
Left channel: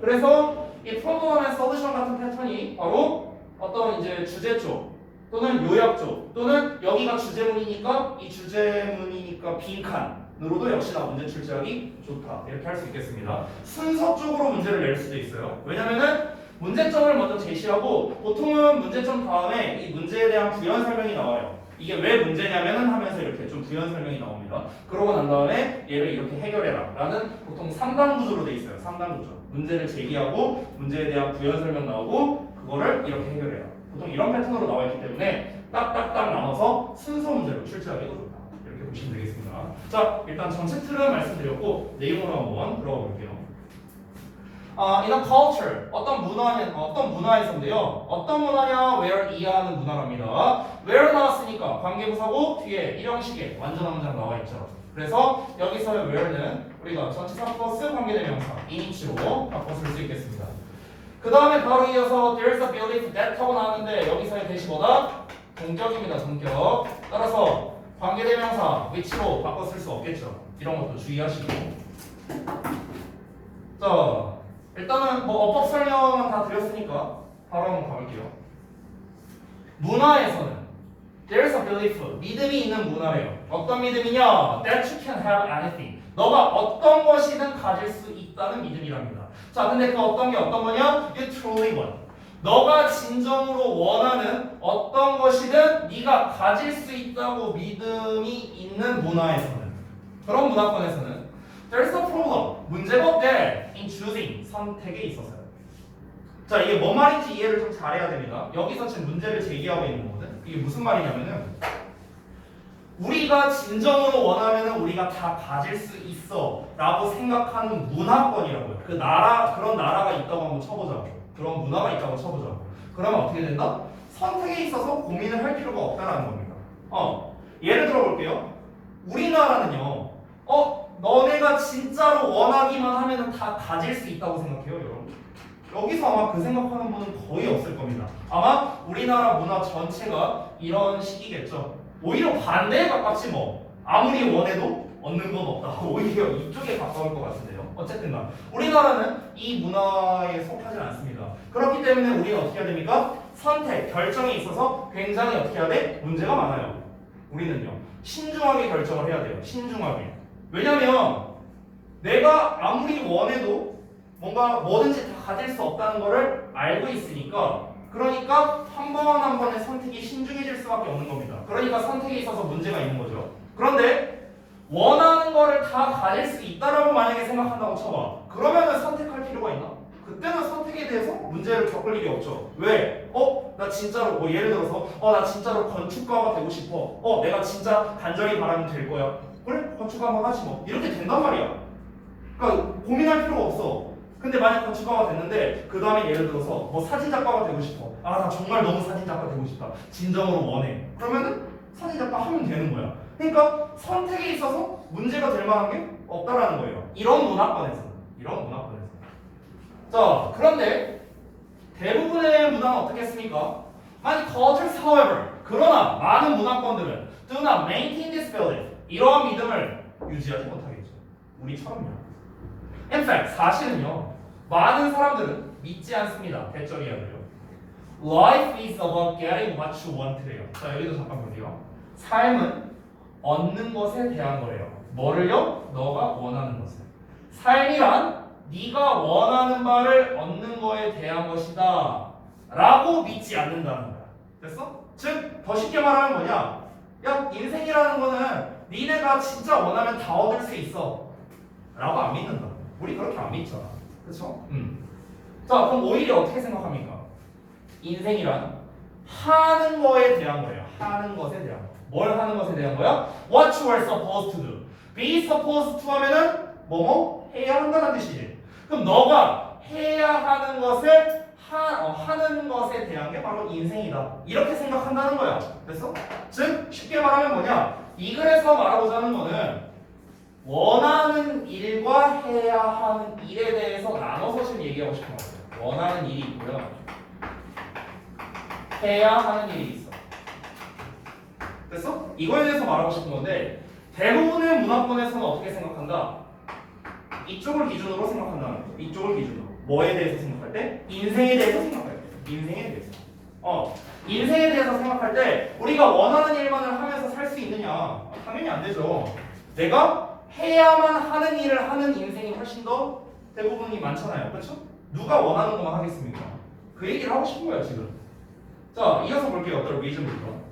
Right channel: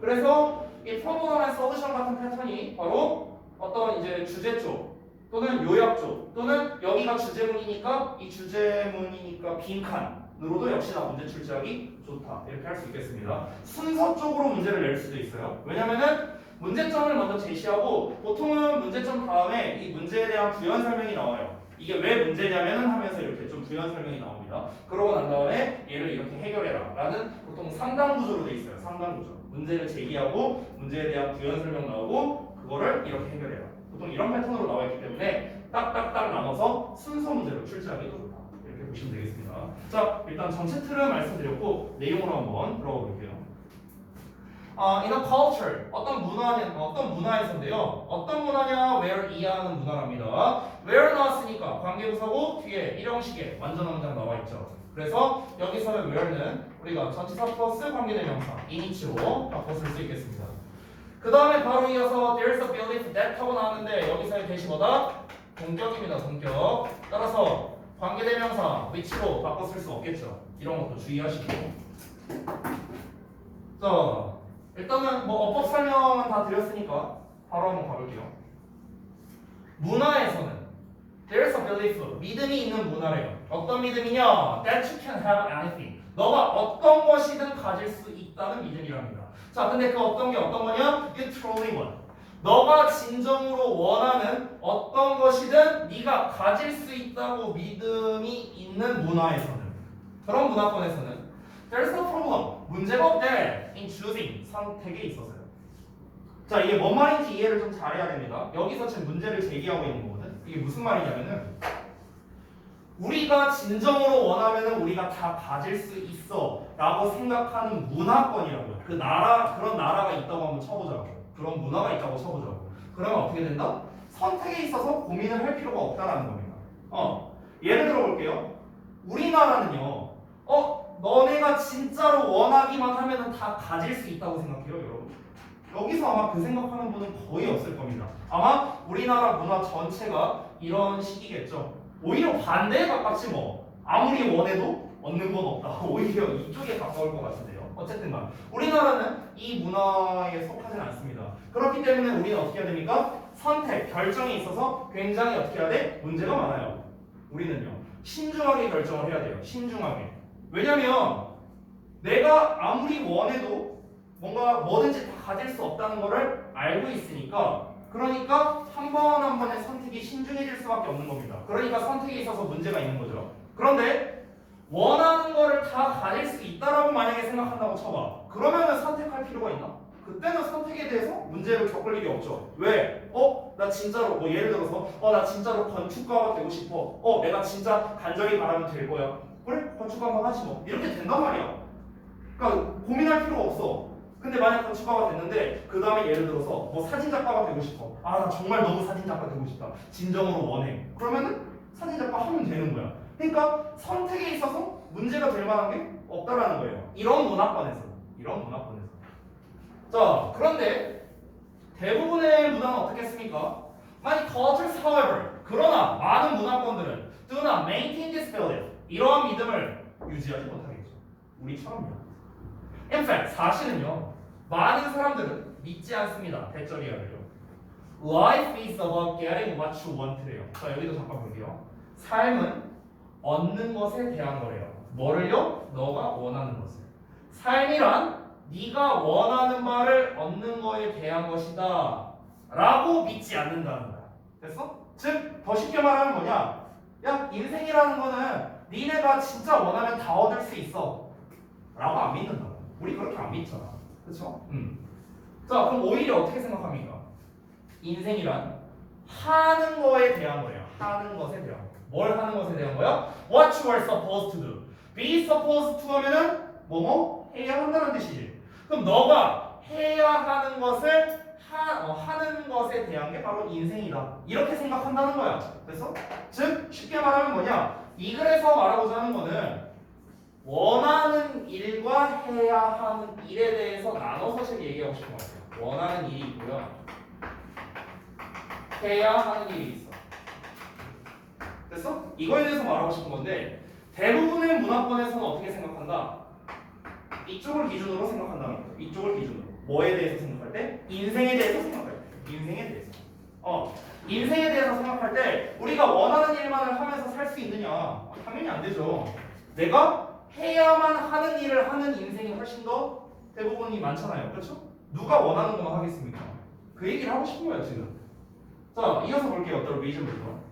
그래서 이 프로그램 앤 솔루션 같은 패턴이 바로 어떤 이제 주제 쪽 또는 요약 쪽 또는 여기가 주제문이니까 이 주제문이니까 빈칸으로도 역시나 문제 출제하기 좋다. 이렇게 할 수 있겠습니다. 순서적으로 문제를 낼 수도 있어요. 왜냐면은 문제점을 먼저 제시하고 보통은 문제점 다음에 이 문제에 대한 부연 설명이 나와요. 이게 왜 문제냐면은 하면서 이렇게 좀 부연 설명이 나옵니다. 그러고 난 다음에 얘를 이렇게 해결해라 라는 보통 상당 구조로 돼 있어요. 상당 구조. 문제를 제기하고 문제에 대한 부연 설명 나오고 그거를 이렇게 해결해라. 보통 이런 패턴으로 나와 있기 때문에 딱딱딱 나눠서 순서 문제로 출제하기가 좋다. 이렇게 보시면 되겠습니다. 자, 일단 전체 틀은 말씀드렸고 내용으로 한번 들어가 볼게요. in a culture 어떤 문화에서인데요. 어떤 문화냐? where 이하는 문화랍니다. where 나왔으니까 관계부사고 뒤에 일형식에 완전한 문장 나와 있죠. 그래서 여기서의 where는 우리가 전치사 플러스 관계대명사 in이치로 바꿔 쓸 수 있겠습니다. 그 다음에 바로 이어서 there's a belief that 하고 나왔는데 여기서의 대시 뭐다? 동격입니다. 동격. 따라서 관계대명사 which로 바꿔 쓸 수 없겠죠. 이런 것도 주의하시고. 자, 일단은 뭐 어법 설명은 다 드렸으니까 바로 한번 가볼게요. 문화에서는 there's a belief, 믿음이 있는 문화래요. 어떤 믿음이냐? that you can have anything. 너가 어떤 것이든 가질 수 있다는 믿음이랍니다. 자, 근데 그 어떤 게 어떤 거냐? You truly want. 너가 진정으로 원하는 어떤 것이든 네가 가질 수 있다고 믿음이 있는 문화에서는, 그런 문화권에서는 there's a problem. 문제가 없대. in choosing. 선택에 있어서요. 자, 이게 뭔 말인지 이해를 좀 잘해야 됩니다. 여기서 지금 문제를 제기하고 있는 거거든. 이게 무슨 말이냐면은 우리가 진정으로 원하면은 우리가 다 가질 수 있어 라고 생각하는 문화권이라고요. 그 나라, 그런 나라가 있다고 한번 쳐보자고. 그런 문화가 있다고 쳐보자고. 그러면 어떻게 된다? 선택에 있어서 고민을 할 필요가 없다라는 겁니다. 예를 들어 볼게요. 우리나라는요. 너네가 진짜로 원하기만 하면은 다 가질 수 있다고 생각해요, 여러분. 여기서 아마 그 생각하는 분은 거의 없을 겁니다. 아마 우리나라 문화 전체가 이런 식이겠죠. 오히려 반대에 가깝지 뭐. 아무리 원해도 얻는 건 없다. 오히려 이쪽에 가까울 것 같은데요. 어쨌든 간 우리나라는 이 문화에 속하지 않습니다. 그렇기 때문에 우리는 어떻게 해야 됩니까? 선택, 결정에 있어서 굉장히 어떻게 해야 돼? 문제가 많아요. 우리는요. 신중하게 결정을 해야 돼요. 신중하게. 왜냐면 내가 아무리 원해도 뭔가 뭐든지 다 가질 수 없다는 거를 알고 있으니까, 그러니까 한 번 한 번의 선택이 신중해질 수밖에 없는 겁니다. 그러니까 선택에 있어서 문제가 있는 거죠. 그런데 원하는 거를 다 가질 수 있다라고 만약에 생각한다고 쳐봐. 그러면은 선택할 필요가 있나? 그때는 선택에 대해서 문제를 겪을 일이 없죠. 왜? 나 진짜로 예를 들어서 나 진짜로 건축가가 되고 싶어. 내가 진짜 간절히 바라면 될 거야. 그래? 건축가 한번 하지 뭐. 이렇게 된단 말이야. 그러니까 고민할 필요가 없어. 근데 만약 건축가가 됐는데 그 다음에 예를 들어서 뭐 사진작가가 되고 싶어. 나 정말 너무 사진작가 되고 싶다. 진정으로 원해. 그러면은 사진작가 하면 되는 거야. 그러니까 선택에 있어서 문제가 될 만한 게 없다라는 거예요. 이런 문화권에서는. 자, 그런데 대부분의 문화는 어떻겠습니까? Many cultures, however, 그러나 많은 문화권들은 do not maintain this belief. 이러한 믿음을 유지하지 못하겠죠. 우리처럼요. In fact, 사실은요, 많은 사람들은 믿지 않습니다. 대절이야말요. Life is about getting what you want래요. 자, 여기도 잠깐 볼게요. 삶은 얻는 것에 대한 거예요. 뭐를요? 너가 원하는 것을. 삶이란 네가 원하는 바를 얻는 거에 대한 것이다 라고 믿지 않는다는 거야. 됐어? 즉 더 쉽게 말하면 뭐냐? 야 인생이라는 거는 니네가 진짜 원하면 다 얻을 수 있어 라고 안 믿는다. 우리 그렇게 안 믿잖아. 그쵸? 자 그럼 오히려 어떻게 생각합니까? 인생이란 하는 거에 대한 거예요. 하는 것에 대한 거. 뭘 하는 것에 대한 거야? What you are supposed to do. Be supposed to 하면은 뭐뭐 해야 한다는 뜻이지. 그럼 너가 해야 하는 것을 하는 것에 대한 게 바로 인생이다. 이렇게 생각한다는 거야. 됐어? 즉 쉽게 말하면 뭐냐? 이 글에서 말하고자 하는 거는 원하는 일과 해야 하는 일에 대해서 나눠서 지금 얘기하고 싶은 거예요. 원하는 일이 있고요. 해야 하는 일이 있어. 됐어? 이거에 대해서 말하고 싶은 건데 대부분의 문화권에서는 어떻게 생각한다? 이쪽을 기준으로 생각한다는 거예요. 이쪽을 기준으로. 뭐에 대해서 생각할 때? 인생에 대해서 생각할 때. 인생에 대해서. 인생에 대해서 생각할 때 우리가 원하는 일만을 하면서 살 수 있느냐? 당연히 안 되죠. 내가 해야만 하는 일을 하는 인생이 훨씬 더 대부분이 많잖아요. 그렇죠? 누가 원하는 것만 하겠습니까? 그 얘기를 하고 싶은 거예요, 지금. 자, 이어서 볼게요. The reason부터.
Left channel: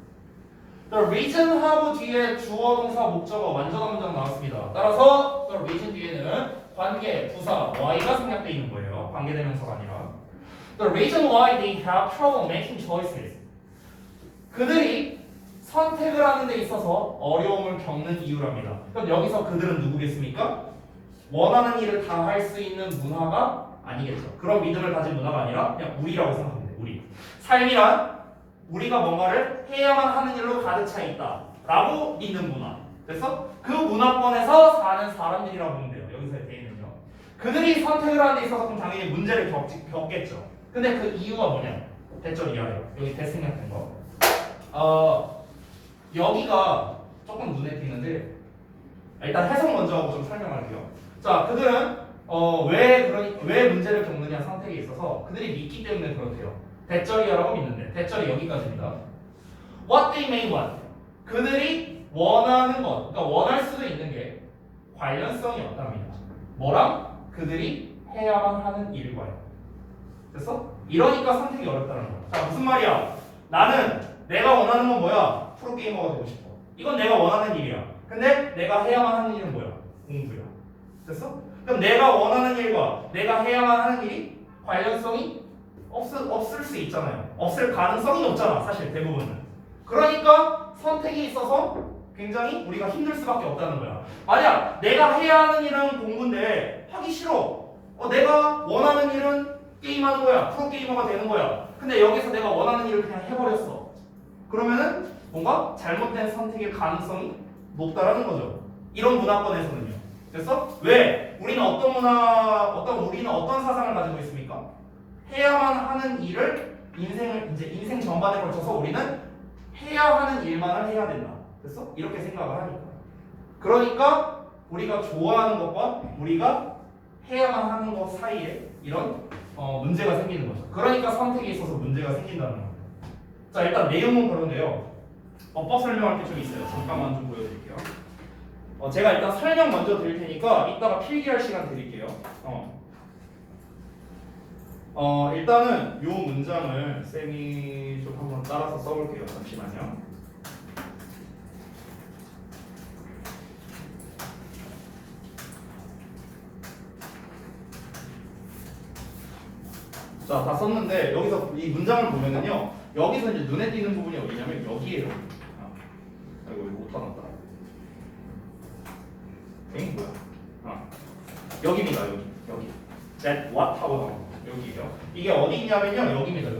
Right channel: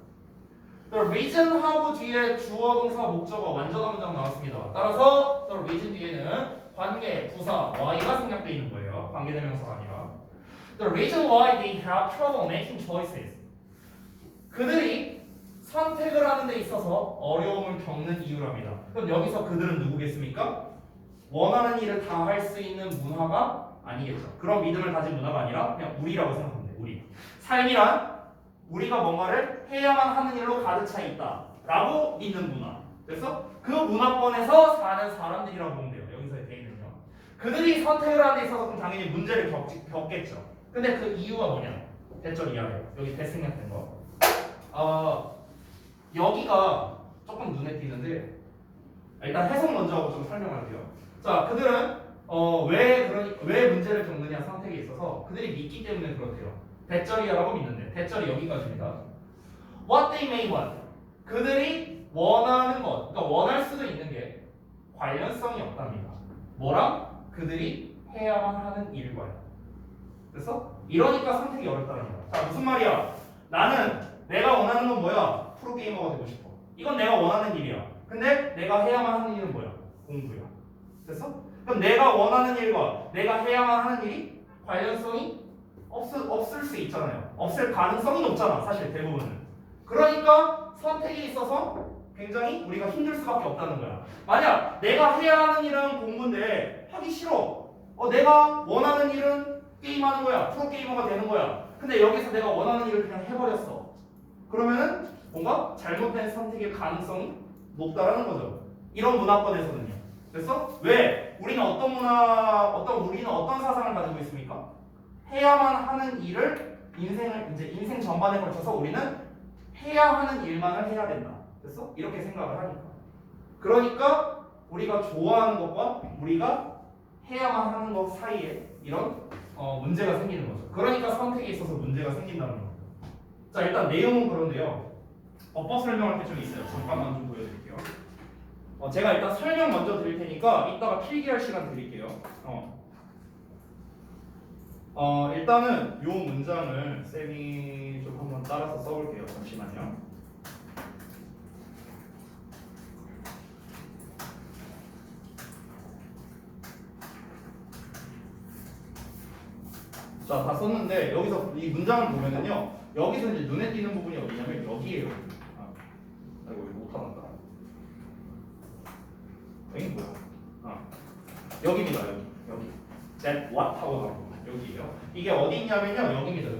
The reason 하고 뒤에 주어, 동사, 목적어 완전한 문장 나왔습니다. 따라서 the reason 뒤에는 관계, 부사, why가 생략되어 있는 거예요. 관계대명사가 아니라. The reason why they have trouble making choices. 그들이 선택을 하는 데 있어서 어려움을 겪는 이유랍니다. 그럼 여기서 그들은 누구겠습니까? 원하는 일을 다 할 수 있는 문화가 아니겠죠. 그런 믿음을 가진 문화가 아니라 그냥 우리라고 생각하면 돼요. 우리. 삶이란 우리가 뭔가를 해야만 하는 일로 가득 차 있다 라고 믿는 문화. 그래서 그 문화권에서 사는 사람들이라고 보면 돼요. 여기서 돼 있는요. 그들이 선택을 하는 데 있어서 그럼 당연히 문제를 겪겠죠. 근데 그 이유가 뭐냐? 대절 이하래요. 여기 대생략된 거. 여기가 조금 눈에 띄는데 일단 해석 먼저 하고 좀 설명할게요. 자, 그들은 왜 문제를 겪느냐 선택에 있어서 그들이 믿기 때문에 그렇대요. 대절이야라고 믿는데 대절이 여기까지입니다. What they may want. 그들이 원하는 것, 그러니까 원할 수도 있는 게 관련성이 없답니다. 뭐랑? 그들이 해야만 하는 일과요. 됐어? 이러니까 선택이 어렵다는 거야. 자, 무슨 말이야? 나는 내가 원하는 건 뭐야? 프로게이머가 되고 싶어. 이건 내가 원하는 일이야. 근데 내가 해야만 하는 일은 뭐야? 공부야. 됐어? 그럼 내가 원하는 일과 내가 해야만 하는 일이 관련성이 없을 수 있잖아요. 없을 가능성이 높잖아. 사실 대부분은. 그러니까 선택이 있어서 굉장히 우리가 힘들 수밖에 없다는 거야. 만약 내가 해야 하는 일은 공부인데 하기 싫어. 내가 원하는 일은 게임하는 거야. 프로게이머가 되는 거야. 근데 여기서 내가 원하는 일을 그냥 해버렸어. 그러면은 뭔가 잘못된 선택의 가능성이 높다라는 거죠. 이런 문화권에서는요. 그래서 왜 우리는 어떤 사상을 가지고 있습니까? 해야만 하는 일을 인생 전반에 걸쳐서 우리는 해야 하는 일만을 해야 된다. 됐어? 이렇게 생각을 하니까. 그러니까 우리가 좋아하는 것과 우리가 해야만 하는 것 사이에 이런 문제가 생기는 거죠. 그러니까 선택에 있어서 문제가 생긴다는 겁니다. 자, 일단 내용은 그런데요. 어법 설명할 게 좀 있어요. 잠깐만 좀 보여드릴게요. 제가 일단 설명 먼저 드릴 테니까 이따가 필기할 시간 드릴게요. 일단은 요 문장을 쌤이 좀 한번 따라서 써볼게요. 잠시만요. 자, 다 썼는데 여기서 이 문장을 보면은요. 여기서 이제 눈에 띄는 부분이 어디냐면 여기에요. 이거 못하났다. 이게 뭐야? 여기입니다. 여기. That what 하고 나온 거. 여기에요. 이게 어디 있냐면요. 여기입니다.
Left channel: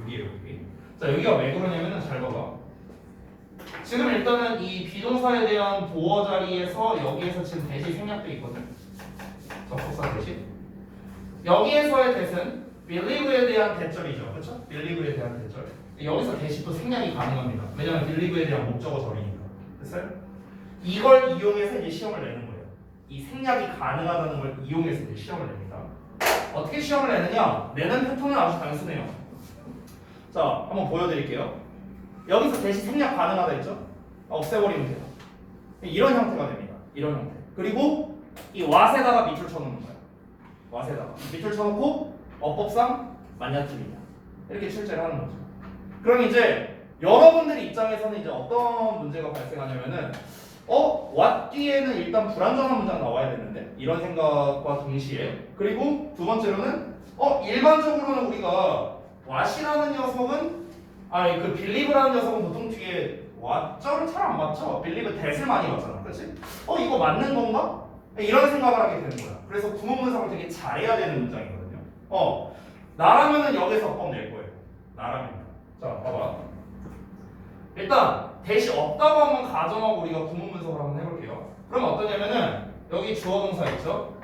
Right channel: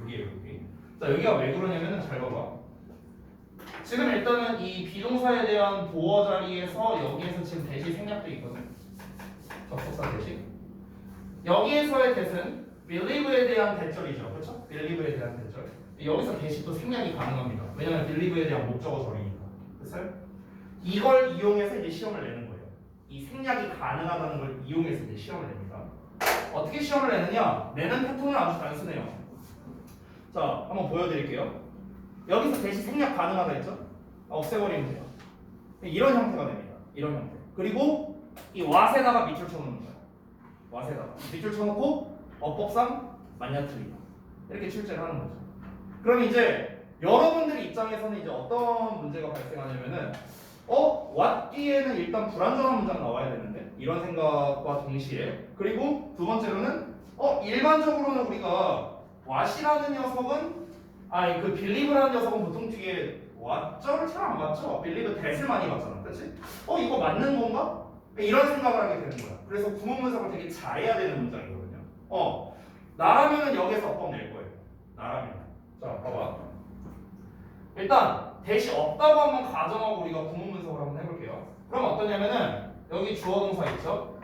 여기에요. 여기. 자, 여기가 왜 그러냐면은 잘 봐봐. 지금 일단은 이 비동사에 대한 보어 자리에서 여기에서 지금 대시 생략돼 있거든. 접속사 대시. 여기에서의 대신 believe에 대한 대절이죠. 그렇죠? believe에 대한 대절. 여기서 대시 또 생략이 가능합니다. 왜냐면 believe에 대한 목적어 절이니까. 됐어요? 이걸 이용해서 이제 시험을 내는 거예요. 이 생략이 가능하다는 걸 이용해서 이제 시험을 냅니다. 어떻게 시험을 내느냐? 내는 패턴은 아주 단순해요. 자, 한번 보여드릴게요. 여기서 대시 생략 가능하다 했죠? 없애버리면 돼요. 이런 형태가 됩니다. 이런 형태. 그리고 이 what에다가 밑줄 쳐놓는 거예요. what에다가 밑줄 쳐놓고 어법상 맞냐 틀리냐 이렇게 출제를 하는 거죠. 그럼 이제 여러분들 입장에서는 이제 어떤 문제가 발생하냐면은 what 뒤에는 일단 불완전한 문장 나와야 되는데 이런 생각과 동시에 그리고 두 번째로는 일반적으로는 우리가 what이라는 녀석은 그 believe라는 녀석은 보통 뒤에 what절을 잘 안 맞죠? believe that을 많이 맞잖아, 그렇지? 이거 맞는 건가? 이런 생각을 하게 되는 거야. 그래서 구문 분석을 되게 잘해야 되는 문장이거든요. 나라면은 여기서 법 낼 거예요. 나라면. 자, 봐봐. 일단 대시 없다고 한번 가정하고 우리가 구문 분석을 한번 해볼게요. 그럼 어떠냐면은 여기 주어 동사 있죠?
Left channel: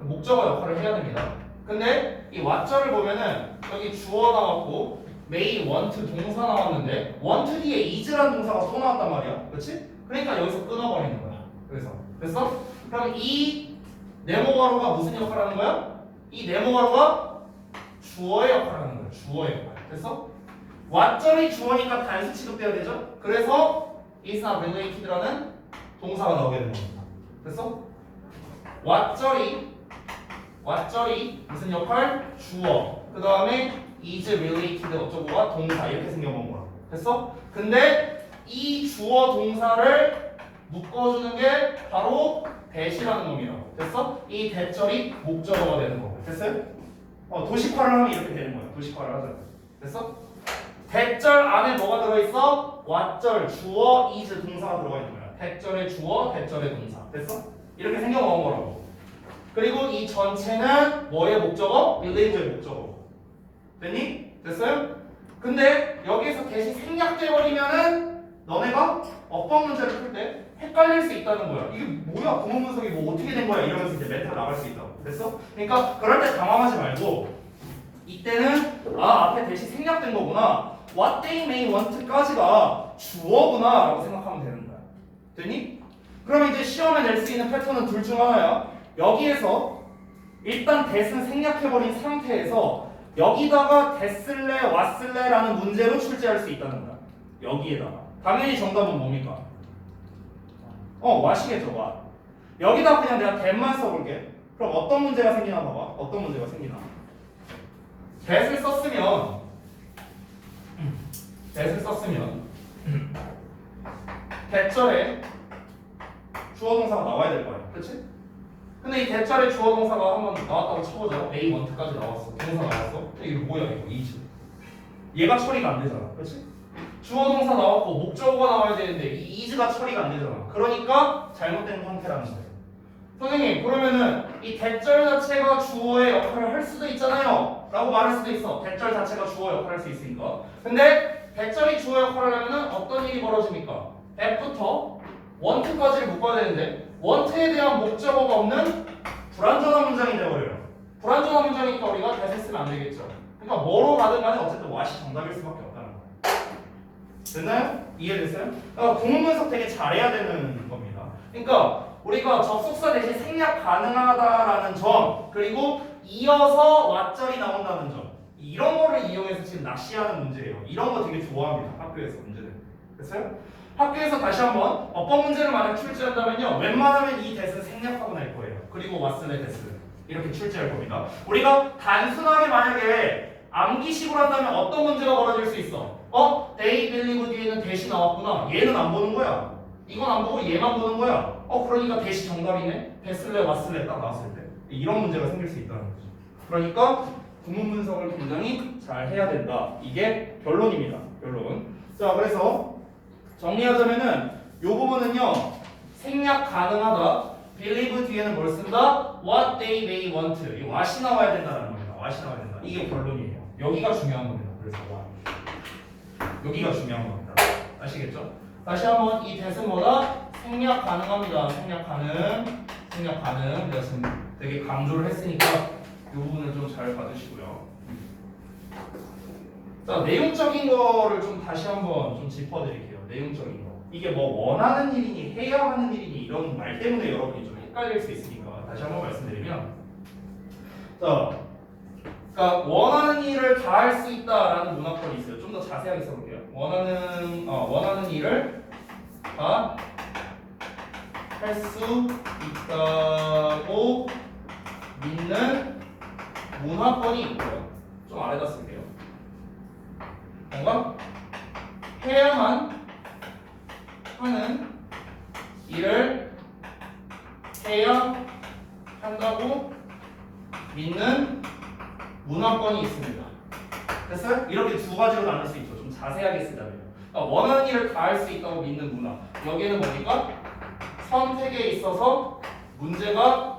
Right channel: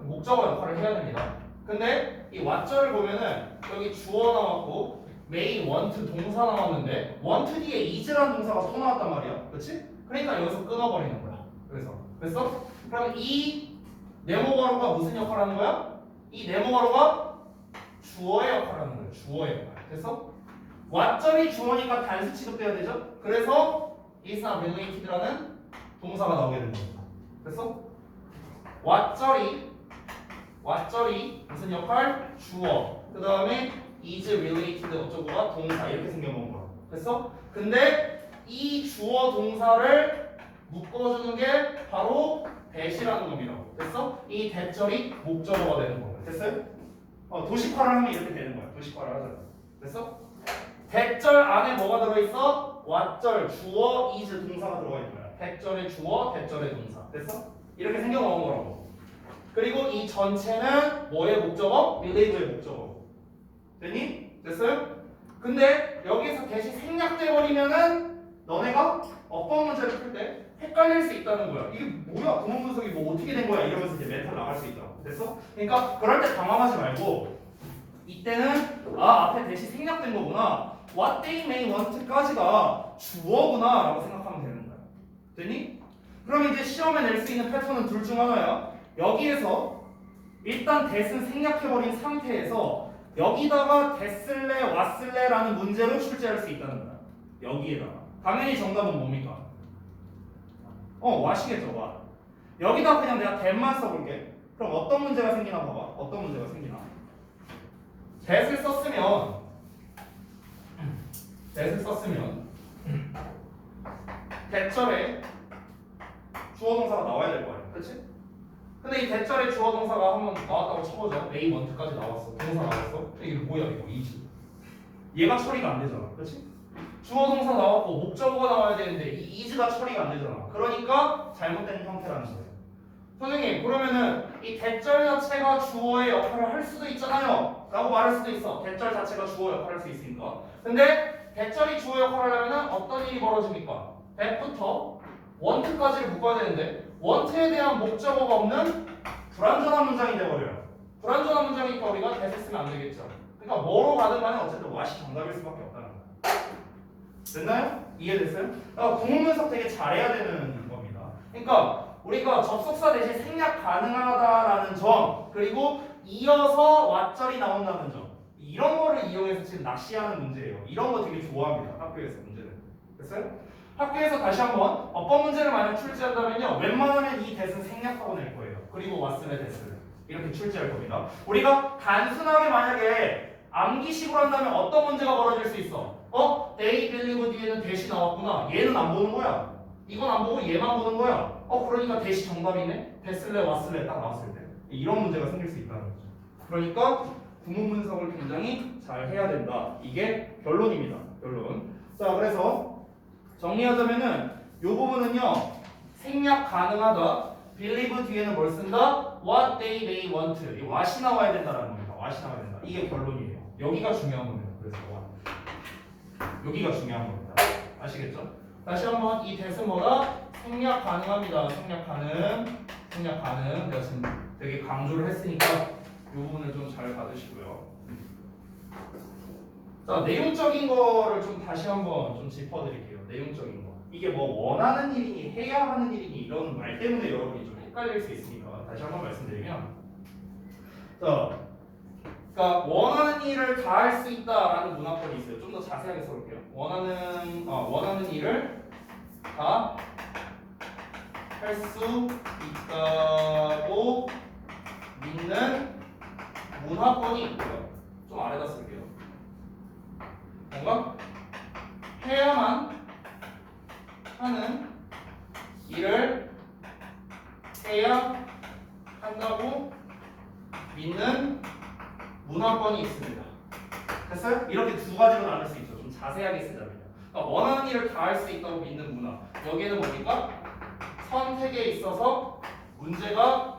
목적어 역할을 해야 됩니다. 근데 이 what절을 보면은 여기 주어 나왔고 may want 동사 나왔는데 want 뒤에 is라는 동사가 또 나왔단 말이야. 그렇지? 그러니까 여기서 끊어버리는 거야. 그래서 됐어? 그럼 이 네모가로가 무슨 역할을 하는 거야? 이 네모가로가 주어의 역할을 하는 거야. 주어의 역할. 됐어? what절이 주어니까 단수 취급돼야 되죠? 그래서 is not related라는 동사가 나오게 되는 겁니다. 됐어? what절이 무슨 역할? 주어. 그 다음에 is related 어쩌고가 동사 이렇게 생겨본 거야. 됐어? 근데 이 주어 동사를 묶어주는 게 바로 that이라는 놈이라고. 됐어? 이 that절이 목적어가 되는 거고. 됐어요? 도식화를 하면 이렇게 되는 거야. 도식화를 하자. 됐어? that절 안에 뭐가 들어있어? what절, 주어, is 동사가 들어가 있는 거야. that절의 주어, that절의 동사. 됐어? 이렇게 생겨나온 거라고. 그리고 이 전체는 뭐의 목적어? believe의 목적어. 됐니? 됐어요? 근데 여기에서 that이 생략돼 버리면은 너네가 어법 문제를 풀 때 헷갈릴 수 있다는 거야. 이게 뭐야? 구문 분석이 뭐 어떻게 된 거야? 이러면서 이제 멘탈 나갈 수 있다고. 됐어? 그러니까 그럴 때 당황하지 말고 이때는 앞에 that이 생략된 거구나. What they may want까지가 주어구나 라고 생각하면 되는 거야. 됐니? 그러면 이제 시험에 낼 수 있는 패턴은 둘 중 하나야. 여기에서 일단 that은 생략해버린 상태에서 여기다가 됐을래 왔을래라는 문제로 출제할 수 있다는 거야. 여기에다가 당연히 정답은 뭡니까? what이겠죠. what. 여기다 그냥 내가 that만 써볼게. 그럼 어떤 문제가 생기나 봐봐. 어떤 문제가 생기나. that을 썼으면 that절에 주어 동사가 나와야 될 거 아니야. 그렇지? 근데 이 that절에 주어 동사가 한번 나왔다고 쳐보자. may want까지 나왔어. 동사 나왔어. 이게 뭐야 이거? is. 얘가 처리가 안 되잖아. 그렇지? 주어 동사 나왔고 목적어가 나와야 되는데 이 is가 처리가 안 되잖아. 그러니까 잘못된 형태라는 거예요. 선생님 그러면은 이 that절 자체가 주어의 역할을 할 수도 있잖아요 라고 말할 수도 있어. that절 자체가 주어 역할을 할 수 있으니까. 근데 that절이 주어 역할을 하면은 어떤 일이 벌어집니까? that부터 want까지를 묶어야 되는데 want에 대한 목적어가 없는 불완전한 문장이 되어버려요. 불완전한 문장이니까 우리가 that을 쓰면 안 되겠죠. 그러니까 뭐로 가든 간에 어쨌든 what이 정답일 수밖에 없다는 거. 됐나요? 이해됐어요? 구문 분석 되게 잘해야 되는 겁니다. 그러니까 우리가 접속사 대신 생략 가능하다라는 점 그리고 이어서 what절이 나온다는 점 이런 거를 이용해서 지금 낚시하는 문제예요. 이런 거 되게 좋아합니다. 학교에서 문제는. 됐어요? 학교에서 다시 한번 어법 문제를 만약 출제한다면요 웬만하면 이 that은 생략하고 낼 거예요. 그리고 what을래 that을 이렇게 출제할 겁니다. 우리가 단순하게 만약에 암기식으로 한다면 어떤 문제가 벌어질 수 있어? they believe 뒤에는 that이 나왔구나. 얘는 안 보는 거야. 이건 안 보고 얘만 보는 거야. 그러니까 that이 정답이네. 됐을래 왔을래 딱 나왔을 때 이런 문제가 생길 수 있다는 거죠. 그러니까 구문 분석을 굉장히 잘 해야 된다. 이게 결론입니다. 결론. 자 그래서 정리하자면은 이 부분은요 생략 가능하다. believe 뒤에는 뭘 쓴다? what they may want. 이 what이 나와야 된다는 겁니다. what이 나와야 된다. 이게 결론이에요. 여기가 중요한 겁니다. 그래서 what. 여기가 중요한 겁니다. 아시겠죠? 다시 한번 이 that은 뭐다? 생략 가능합니다. 생략 가능. 내가 지금 되게 강조를 했으니까 이 부분을 좀 잘 봐주시고요. 자, 내용적인 거를 좀 다시 한번 좀 짚어드릴게요. 내용적인 거. 이게 뭐 원하는 일이니 해야 하는 일이니 이런 말 때문에 여러분이 좀 헷갈릴 수 있으니까 다시 한번 말씀드리면, 자, 그러니까 원하는 일을 다 할 수 있다라는 문화권이 있어요. 좀 더 자세하게 써볼게요. 원하는 일을 다 할 수 있다고 믿는 문화권이 있고요. 좀 아래다 쓸게요. 뭔가 해야만 하는 일을 해야 한다고 믿는 문화권이 있습니다. 됐어요? 이렇게 두 가지로 나눌 수 있죠. 좀 자세하게 쓰자면. 그러니까 원하는 일을 다 할 수 있다고 믿는 문화. 여기에는 뭡니까? 선택에 있어서 문제가